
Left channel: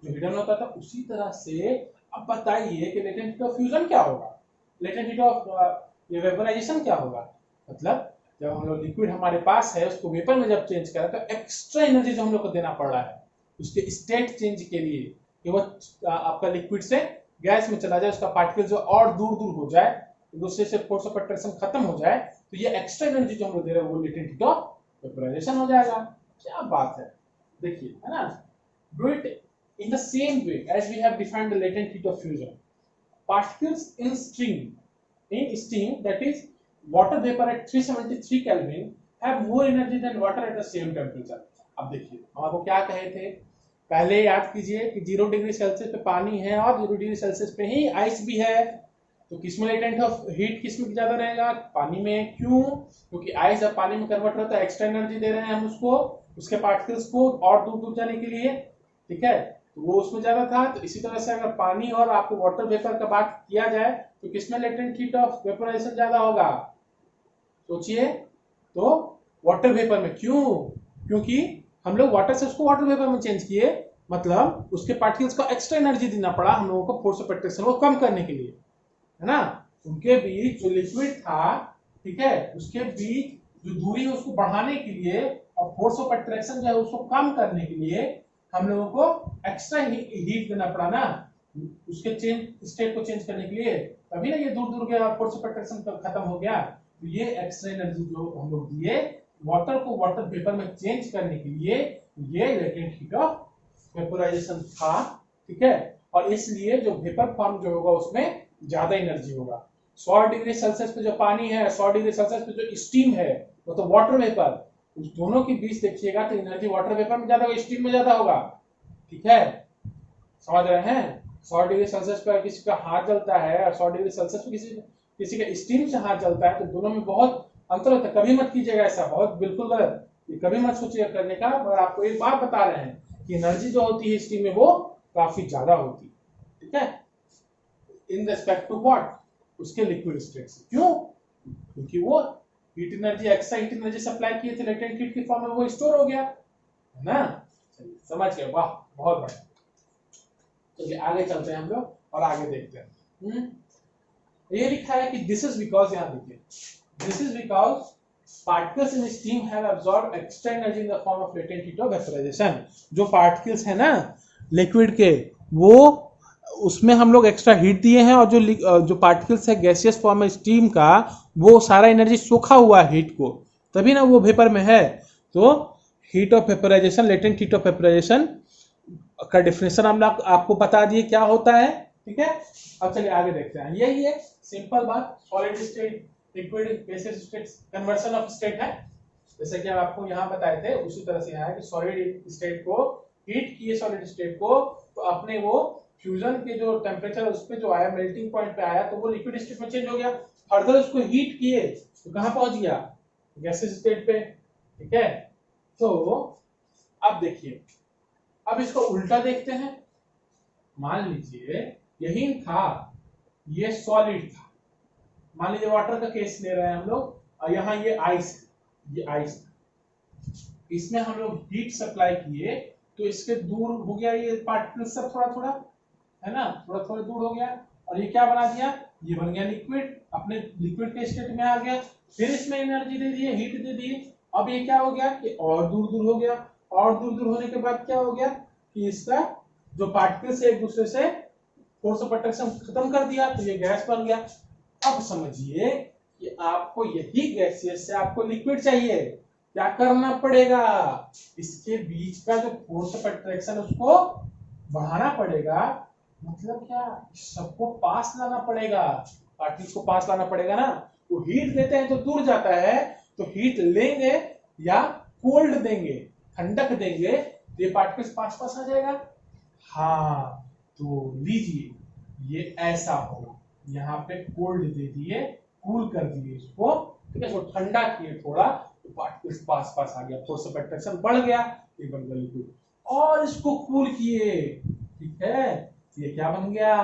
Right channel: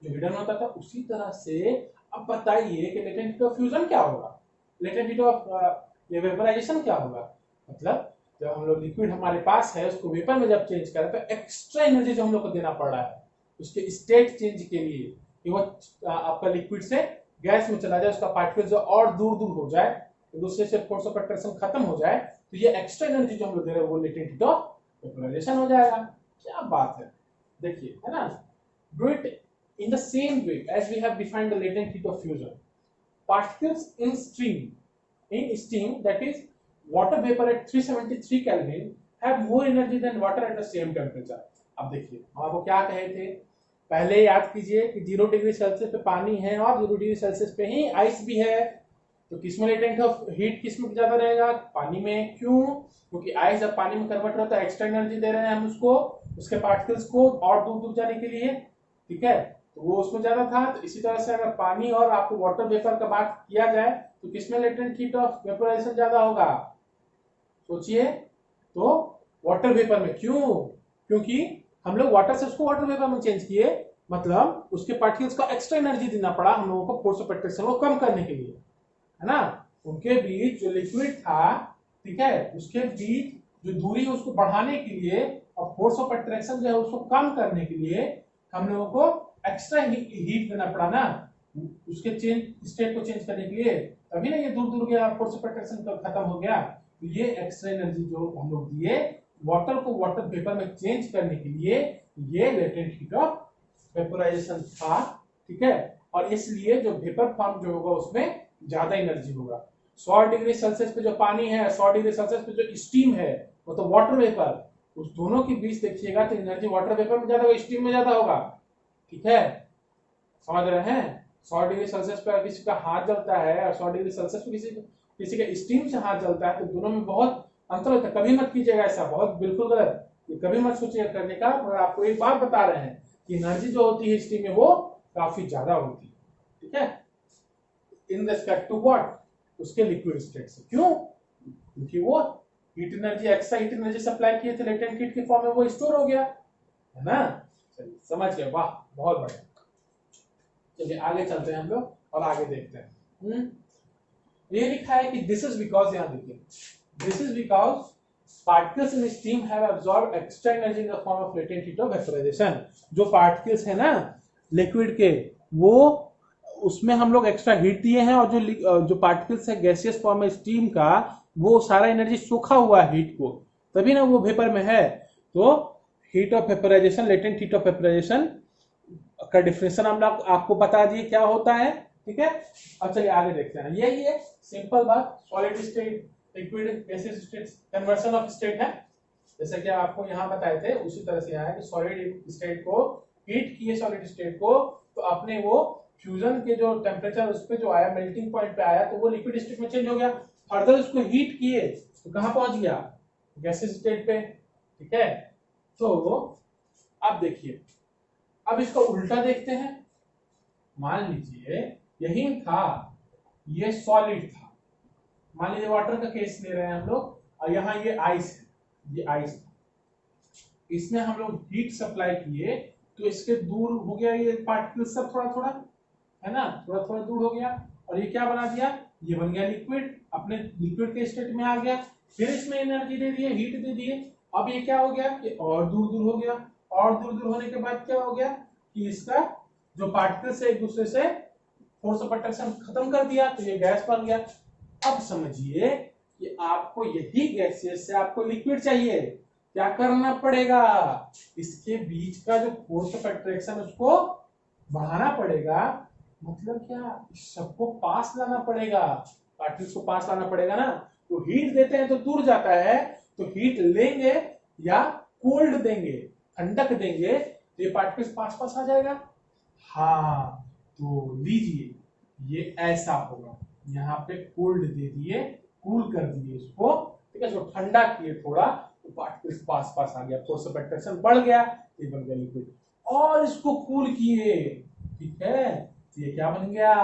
जो हिडन होता था। उसी तरह से अब बताइए कि लेटेंट हीट ऑफ फ्यूजन क्या होगा, लेटेंट हीट ऑफ ये वेपराइजेशन क्या होगा। मतलब जब हम लोग लिक्विड हमारे पास है उसको वेपर में जब चेंज करें तो एक्स्ट्रा एनर्जी जो हम लोग को देना पड़ रहा है उसके स्टेट चेंज के लिए, कि वो आपका लिक्विड से गैस में चला जाए, उसका पार्टिकल जो और दूर दूर हो जाए, एक दूसरे से फोर्स ऑफ अट्रैक्शन खत्म हो जाए, तो ये एक्स्ट्रा एनर्जी जो हम लोग दे रहे हैं वो लेटेंट हीट ऑफ वेपराइजेशन हो जाएगा। क्या बात है, देखिए, है ना। Do it in the same way as we have defined the latent heat of fusion, particles in steam, that is water vapor at 373 Kelvin have more energy than water at the same temperature। अब देखिए हम आपको क्या कहे थे, पहले याद कीजिए कि 0 डिग्री सेल्सियस पे पानी है और 0 डिग्री सेल्सियस पे ही आइस भी है, तो किसमें लेटेंट ऑफ हीट किसमें ज्यादा रहेगा, पानी में। क्यों, क्योंकि आइस जब पानी में कन्वर्ट होता है एक्स्ट्रा एनर्जी दे रहे हैं हम उसको, उसके पार्टिकल्स को और दूर दूर जाने के लिए, ठीक है, तो वो उसमें ज्यादा था। तो इसी तरह से अगर पानी और आपको वाटर वेपर का बात किया जाए तो किसमें लेटेंट हीट ऑफ वेपराइजेशन ज्यादा होगा, सोचिए, तो वाटर वेपर में। क्यों, क्योंकि हम लोग वाटर से उसको वाटर वेपर में चेंज किए, मतलब उसके पार्टिकल्स को एक्स्ट्रा एनर्जी देना पड़ा हम लोगों को फोर्स ऑफ अट्रैक्शन को कम करने के लिए, है ना। उनके बीच जो लिक्विड था, ठीक है, उसके बीच जो दूरी है उसको बढ़ाने के लिए और फोर्स ऑफ अट्रैक्शन जो है उसको कम करने के लिए हम लोगों को एक्स्ट्रा हीट देना पड़ा ना, उसके चेंज स्टेट को चेंज करने के लिए, तभी ना ये दूर दूर गया और फोर्स ऑफ अट्रैक्शन खत्म हो गया। तो ये एक्स्ट्रा एनर्जी जो हम लोग दिए वाटर को वाटर वेपर में चेंज करने के लिए, ये लेटेंट हीट ऑफ वेपराइजेशन था, ठीक है। और इसलिए जो वेपर फॉर्म जो होगा उसमें ज्यादा एनर्जी होगा। 100 डिग्री सेल्सियस पे जो पानी है, 100 डिग्री सेल्सियस पे जो स्टीम है, वो तो वाटर वेपर, उस दोनों के बीच देखिएगा तो एनर्जी वाटर वेपर में ज्यादा होगा, स्टीम में ज्यादा होगा, ठीक है, समझ रहे हैं। 100 डिग्री सेल्सियस पर किसी का हाथ जलता है और 100 डिग्री सेल्सियस पे किसी का स्टीम से हाथ जलता है, तो दोनों में बहुत अंतर होता है। कभी मत कीजिएगा ऐसा, बहुत बिल्कुल गलत, ये कभी मत सोचिएगा करने का। मगर आपको एक बात बता रहे हैं कि एनर्जी जो होती है स्टीम में वो काफी ज्यादा होती है, ठीक है, इन रेस्पेक्ट टू व्हाट, उसके लिक्विड स्टेट से। क्यों, क्योंकि वो heat energy, extra heat energy supply किए थे लेटेंट हीट के फॉर्म में, वो स्टोर हो गया, है ना। चलिए समझ गए, वाह बहुत बढ़िया। चलिए आगे चलते हैं हम लोग और आगे देखते हैं। ये लिखा है कि दिस इज बिकॉज, यहाँ देखिए, this is because particles in steam have absorb extra energy in the form of latent heat of vaporisation. जो पार्टिकल्स है ना लिक्विड के, वो उसमें हम लोग एक्स्ट्रा हीट दिए हैं और जो पार्टिकल्स है गैसियस फॉर्म में स्टीम का, वो सारा एनर्जी सोखा हुआ है हीट को, तभी ना वो वेपर में है। तो heat of vaporisation, latent heat of vaporisation का डिफिनेशन हम लोग आपको बता दिए क्या होता है। ठीक है, अब चलिए आगे देखते हैं। यही है सिंपल बात, solid state, liquid, gaseous state, conversion of state है। जैसे कि हम आपको यहाँ बताए थे उसी तरह से यहाँ है कि सॉलिड स्टेट को हीट किए, सॉलिड स्टेट को, तो अपने वो फ्यूजन के जो टेम्परेचर उस पे जो आया, मेल्टिंग पॉइंट पे आया, तो वो लिक्विड स्टेट में चेंज हो गया। फर्दर उसको हीट किए तो कहाँ पहुंच गया, गैसियस स्टेट पे। ठीक है, तो अब देखिए, अब इसको उल्टा देखते हैं। मान लीजिए यही था, ये सॉलिड था, मान लीजिए वाटर का केस ले रहे हैं हम लोग, और यहाँ ये आइस है, ये आइस था, इसमें हम लोग हीट सप्लाई किए तो इसके दूर हो गया ये पार्टिकल सब, थोड़ा थोड़ा, है ना, थोड़ा थोड़ा दूर हो गया, और ये क्या बना दिया, ये बन गया लिक्विड, अपने लिक्विड के स्टेट में आ गया। फिर इसमें एनर्जी दे दिए, हीट दे दिए, अब ये क्या हो गया कि और दूर दूर हो गया, और दूर दूर होने के बाद क्या हो गया कि इसका जो पार्टिकल्स है एक दूसरे से फोर्स ऑफ अट्रैक्शन खत्म कर दिया, तो ये गैस बन गया। अब समझिए कि आपको यही गैसियस से आपको लिक्विड चाहिए, क्या करना पड़ेगा, इसके बीच का जो फोर्स ऑफ अट्रैक्शन उसको बढ़ाना पड़ेगा। मतलब क्या, सबको पास लाना पड़ेगा, पार्टिकल्स को पास लाना पड़ेगा ना। तो हीट देते हैं तो दूर जाता है, तो हीट लेंगे या कोल्ड देंगे, ठंडक देंगे, तो ये पार्टिकल्स पास पास आ जाएगा। हाँ, तो लीजिए ये ऐसा होगा, यहाँ पे कोल्ड दे दिए, कूल कर दिए इसको, ठीक है, इसको ठंडा किए थोड़ा, तो पार्टिकल्स पास पास आ गया, फोर्स ऑफ अट्रैक्शन बढ़ गया, ये बन गया लिक्विड। और इसको कूल किए, ठीक है, ये क्या बन गया,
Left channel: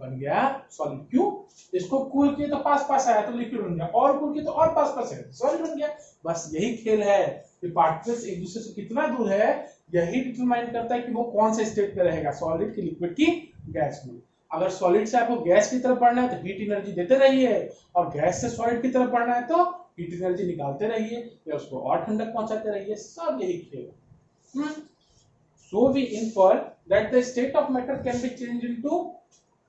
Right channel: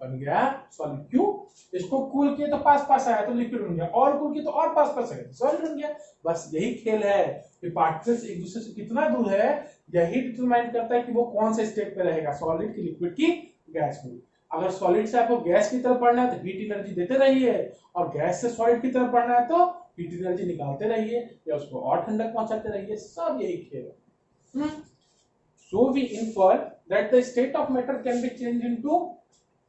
बन गया सॉलिड। क्यों, इसको कूल किए तो पास पास आया तो लिक्विड बन गया, और कूल किए तो और पास पास आया सॉलिड बन गया। बस यही खेल है कि पार्टिकल्स एक दूसरे से कितना दूर है, यही डिटरमाइन करता है कि वो कौन से स्टेट पे रहेगा, सॉलिड की, लिक्विड की, गैस में। अगर सॉलिड से आपको गैस की तरफ बढ़ना है तो हीट एनर्जी देते रहिए, और गैस से सॉलिड की तरफ बढ़ना है तो हीट एनर्जी निकालते रहिए या उसको और ठंडक पहुंचाते रहिए, सब यही खेल है। So we infer that the state of matter can be changed into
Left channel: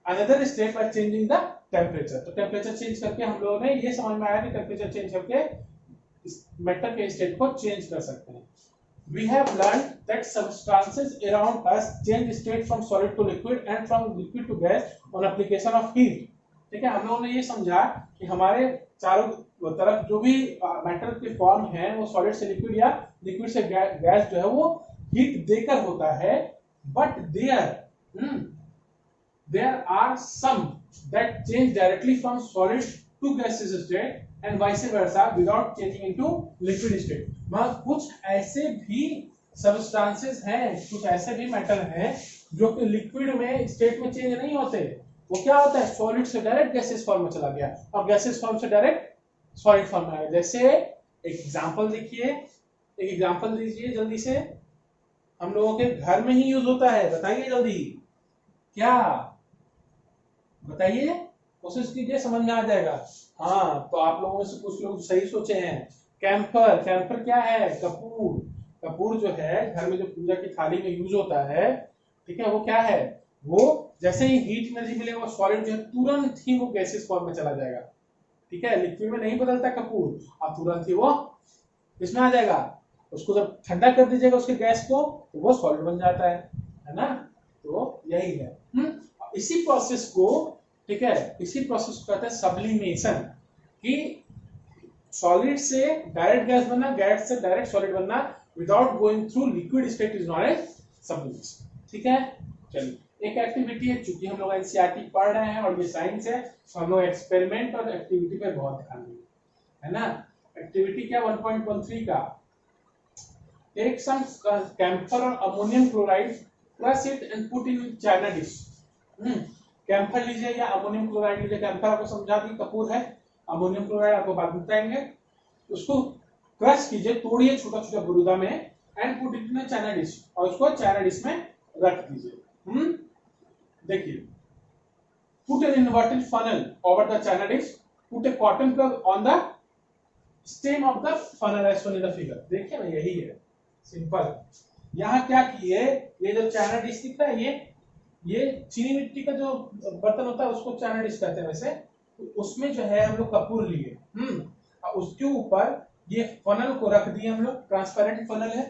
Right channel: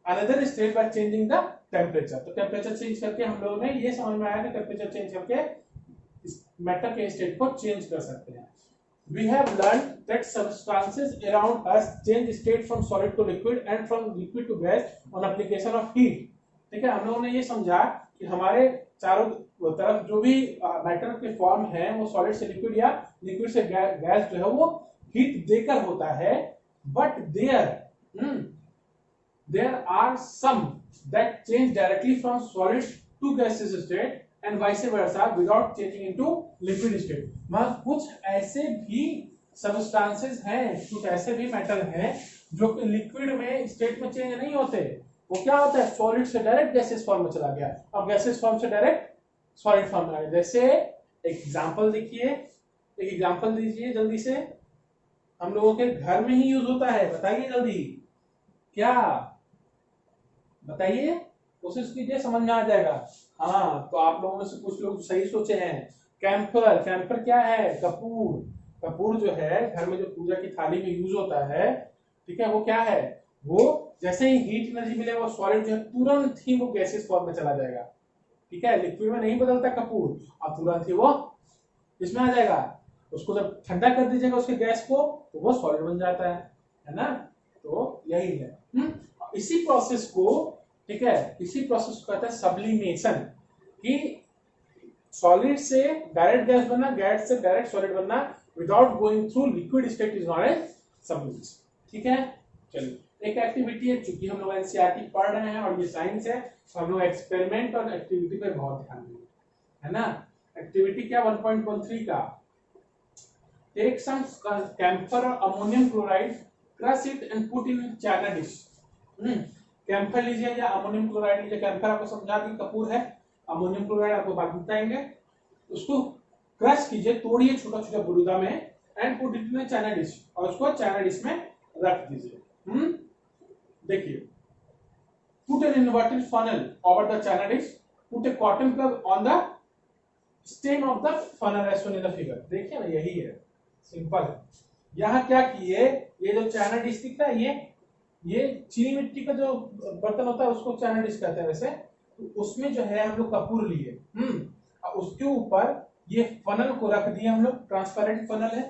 another state by changing the temperature. तो टेम्परेचर चेंज करके हम लोगों ने ये समझ में आया कि टेम्परेचर चेंज करके मैटर के स्टेट को चेंज कर सकते हैं। We have learned that substances around us change state from solid to liquid and from liquid to gas on application of heat. ठीक है, हम लोगों ने ये समझा कि हमारे चारों तरफ जो भी मैटर के फॉर्म है वो सॉलिड से लिक्विड या लिक्विड से गैस जो है वो हीट देकर होता है, but there are some that change directly from solid to gaseous state and vice versa without changing into liquid state. मगर कुछ ऐसे भी सब्सटेंसेस हैं, कुछ ऐसे भी मेटल हैं जो कि लिक्विड में स्टेट में चेंज नहीं होते, वो क्या होता है, सॉलिड से डायरेक्ट गैसियस फॉर्म में चला गया और गैसियस फॉर्म से डायरेक्ट सॉलिड फॉर्म में आ गया। जैसे एग्जांपल देखिए, एक एग्जांपल दीजिए जल्दी से, हम लोगों के घर में ही यूज होता है, बताइए जल्दी, क्या बताइए, कोशिश कीजिए, समझ में आ जाएगा। हाँ, तो आप लोगों में से कुछ लोग सही सोचे हैं, कैंपर। कैंपर क्या है, कपूर। कपूर जो है घर में जो पूजा की थाली में यूज होता है, ठीक है, वो क्या है, वो जैसे ही हीट एनर्जी मिलेगा वो सॉलिड जो है तुरंत ही वो गैसियस फॉर्म में चला जाएगा। ठीक है, लिक्विड में नहीं बदलता कपूर, अब तुरंत ही वो इसमें आ जाएगा। उसको जब ठंडा कर दीजिएगा उसके गैस को, तो वो सॉलिड बन जाता है ना। तो यही है। इसी प्रोसेस को, ठीक है, इसी प्रोसेस को कहते हैं सब्लिमेशन, कि सॉलिड से डायरेक्ट गैस बनना, गैस से डायरेक्ट सॉलिड बनना without going through liquid state is known as sublimation. ठीक है, चलिए एक एक्टिविटी है, चूंकि हम लोग एनसीईआरटी पढ़ रहे हैं और ये साइंस है, तो हम लोग एक्सपेरिमेंट और एक्टिविटी पे बहुत ध्यान देंगे, है ना। एक्टिविटी क्या 1.13 का, take some camphor or ammonium chloride, crush it and put in china dish। Camphor लीजिए या अमोनियम क्लोराइड लीजिए, कैम्फर आपको समझा दी कपूर है, अमोनियम क्लोराइड आपको बाद में बताएंगे। उसको क्रश कीजिए, तोड़िए छोटा छोटा बुरुदा में, and put it in china dish, और उसको चाइना डिश में रख दीजिए। देखिए, put an inverted funnel over the china dish, put a cotton plug on the stem of the funnel as shown in the figure. देखिए ना, यही है, सिंपल। यहाँ क्या किए, ये जो चाइना डिश दिख रहा है, ये चीनी मिट्टी का जो बर्तन होता है उसको चैनल डिश कहते हैं वैसे, तो उसमें जो है हम लोग कपूर लिए, और उसके ऊपर ये फनल को रख दिए हम लोग, ट्रांसपेरेंट फनल है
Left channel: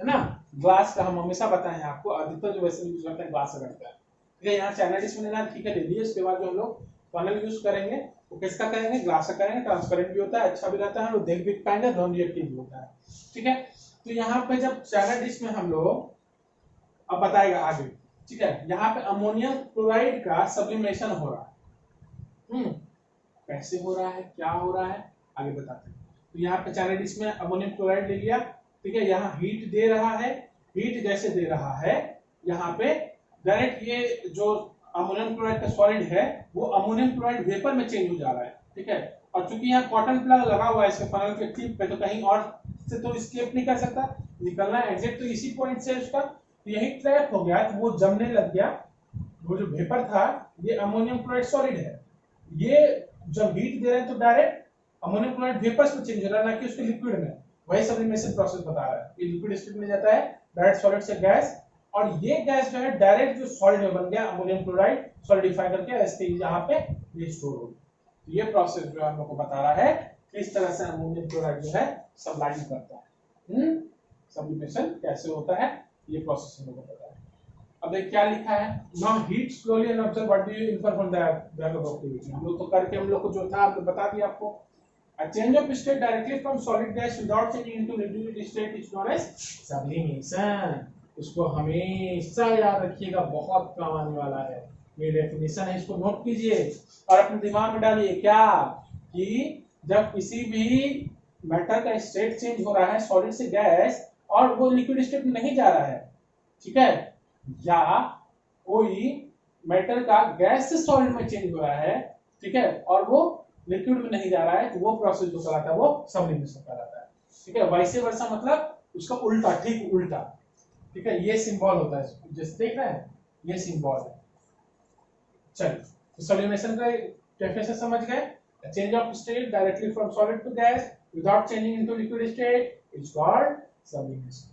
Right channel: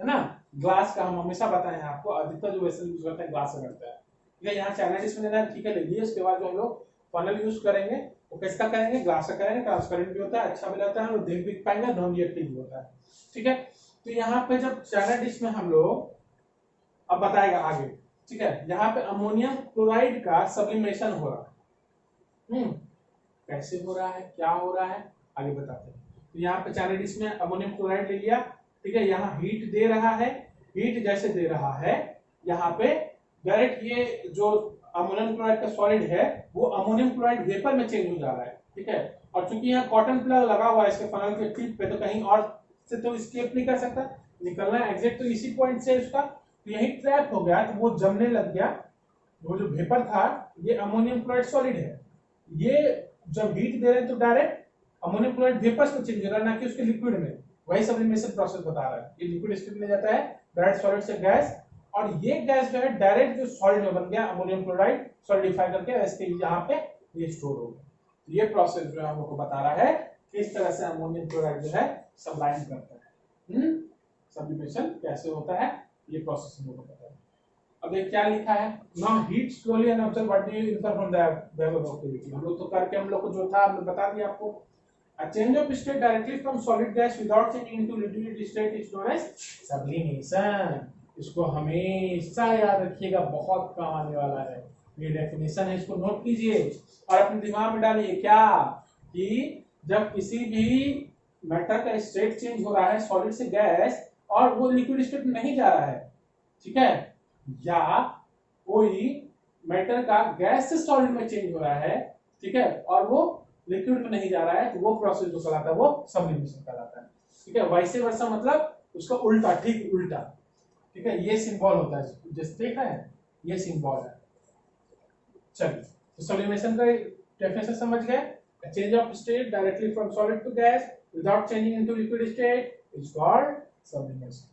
ना, ग्लास का। हम हमेशा बताएं आपको, अधिकतर जो वैसे यूज करते हैं ग्लास रखता है, ठीक है। यहाँ चैनल डिश में ठीक है ले लिए। उसके बाद जो हम लोग फनल यूज करेंगे वो किसका करेंगे, ग्लास का करेंगे। ट्रांसपेरेंट भी होता है, अच्छा भी रहता है, हम लोग देख भी पाएंगे, नॉन रिएक्टिव भी होता है, ठीक है। तो यहाँ पे जब चैनल डिश में हम लोग, अब बताएगा आगे, ठीक है। यहाँ पे अमोनियम क्लोराइड का सब्लिमेशन हो रहा है, कैसे हो रहा है, क्या हो रहा है, आगे बताते हैं। तो यहाँ पे चैनल डिश में अमोनियम क्लोराइड ले लिया, ठीक है। यहाँ हीट दे रहा है, हीट जैसे दे रहा है यहाँ पे डायरेक्ट ये जो अमोनियम क्लोराइड का सॉलिड है वो अमोनियम क्लोराइड वेपर में चेंज हो जा रहा है, ठीक है। और चूंकि यहाँ कॉटन प्लग लगा हुआ है इसके फनल के टिप पे, तो कहीं और से तो स्केप नहीं कर सकता, निकलना है एग्जैक्ट तो इसी पॉइंट से उसका, तो यही ट्रैप हो गया, तो वो जमने लग गया। वो जो वेपर था ये अमोनियम क्लोराइड सॉलिड है, ये जब हीट दे रहे हैं तो डायरेक्ट अमोनियम क्लोराइड वेपर्स में चेंज हो रहा है, ना कि उसके लिक्विड में। वही सब्लिमेशन प्रोसेस बता रहा है, ये लिक्विड स्टेट में जाता है डायरेक्ट सॉलिड से गैस, और ये गैस जो है डायरेक्ट जो सॉलिड में बन गया अमोनियम क्लोराइड सॉलिडिफाई करके ऐसे यहाँ पे ये स्टोर हो गया। तो ये प्रोसेस जो हम लोग को बता रहा है किस तरह से अमोनियम क्लोराइड जो है सब्लाइम करता है, सब्लिमेशन कैसे होता है, ये प्रोसेस हम लोग को पता है। अब एक क्या लिखा है, now heat slowly and observe what do you infer from diagram of activity. हम लोग तो करके हम लोग को जो था हमने बता दिया आपको। A change of state directly from solid gas without changing into liquid state is known as sublimation। इसको हमेशा याद रखिएगा, बहुत काम आने वाला है, ये डेफिनेशन है, इसको नोट कीजिए और अपने दिमाग में डालिए क्या, कि जब किसी भी मैटर का स्टेट चेंज हो रहा है सॉलिड से गैस और वो लिक्विड स्टेट में नहीं जा रहा है, ठीक है, या कोई मैटर का गैस से सॉलिड में चेंज हो रहा है, ठीक है, और वो लिक्विड में नहीं जा रहा है, तो वो प्रोसेस जो कहलाता है वो सब्लिमेशन कहलाता है, ठीक है। वैसे वर्षा मतलब उसका उल्टा, ठीक उल्टा, ठीक है। ये सिंबल होता है, जैसे देख रहे हैं ये सिंबल है। चलिए, तो सब्लिमेशन का डेफिनेशन समझ गए। Change of state directly from solid to gas without changing into liquid state is called sublimation.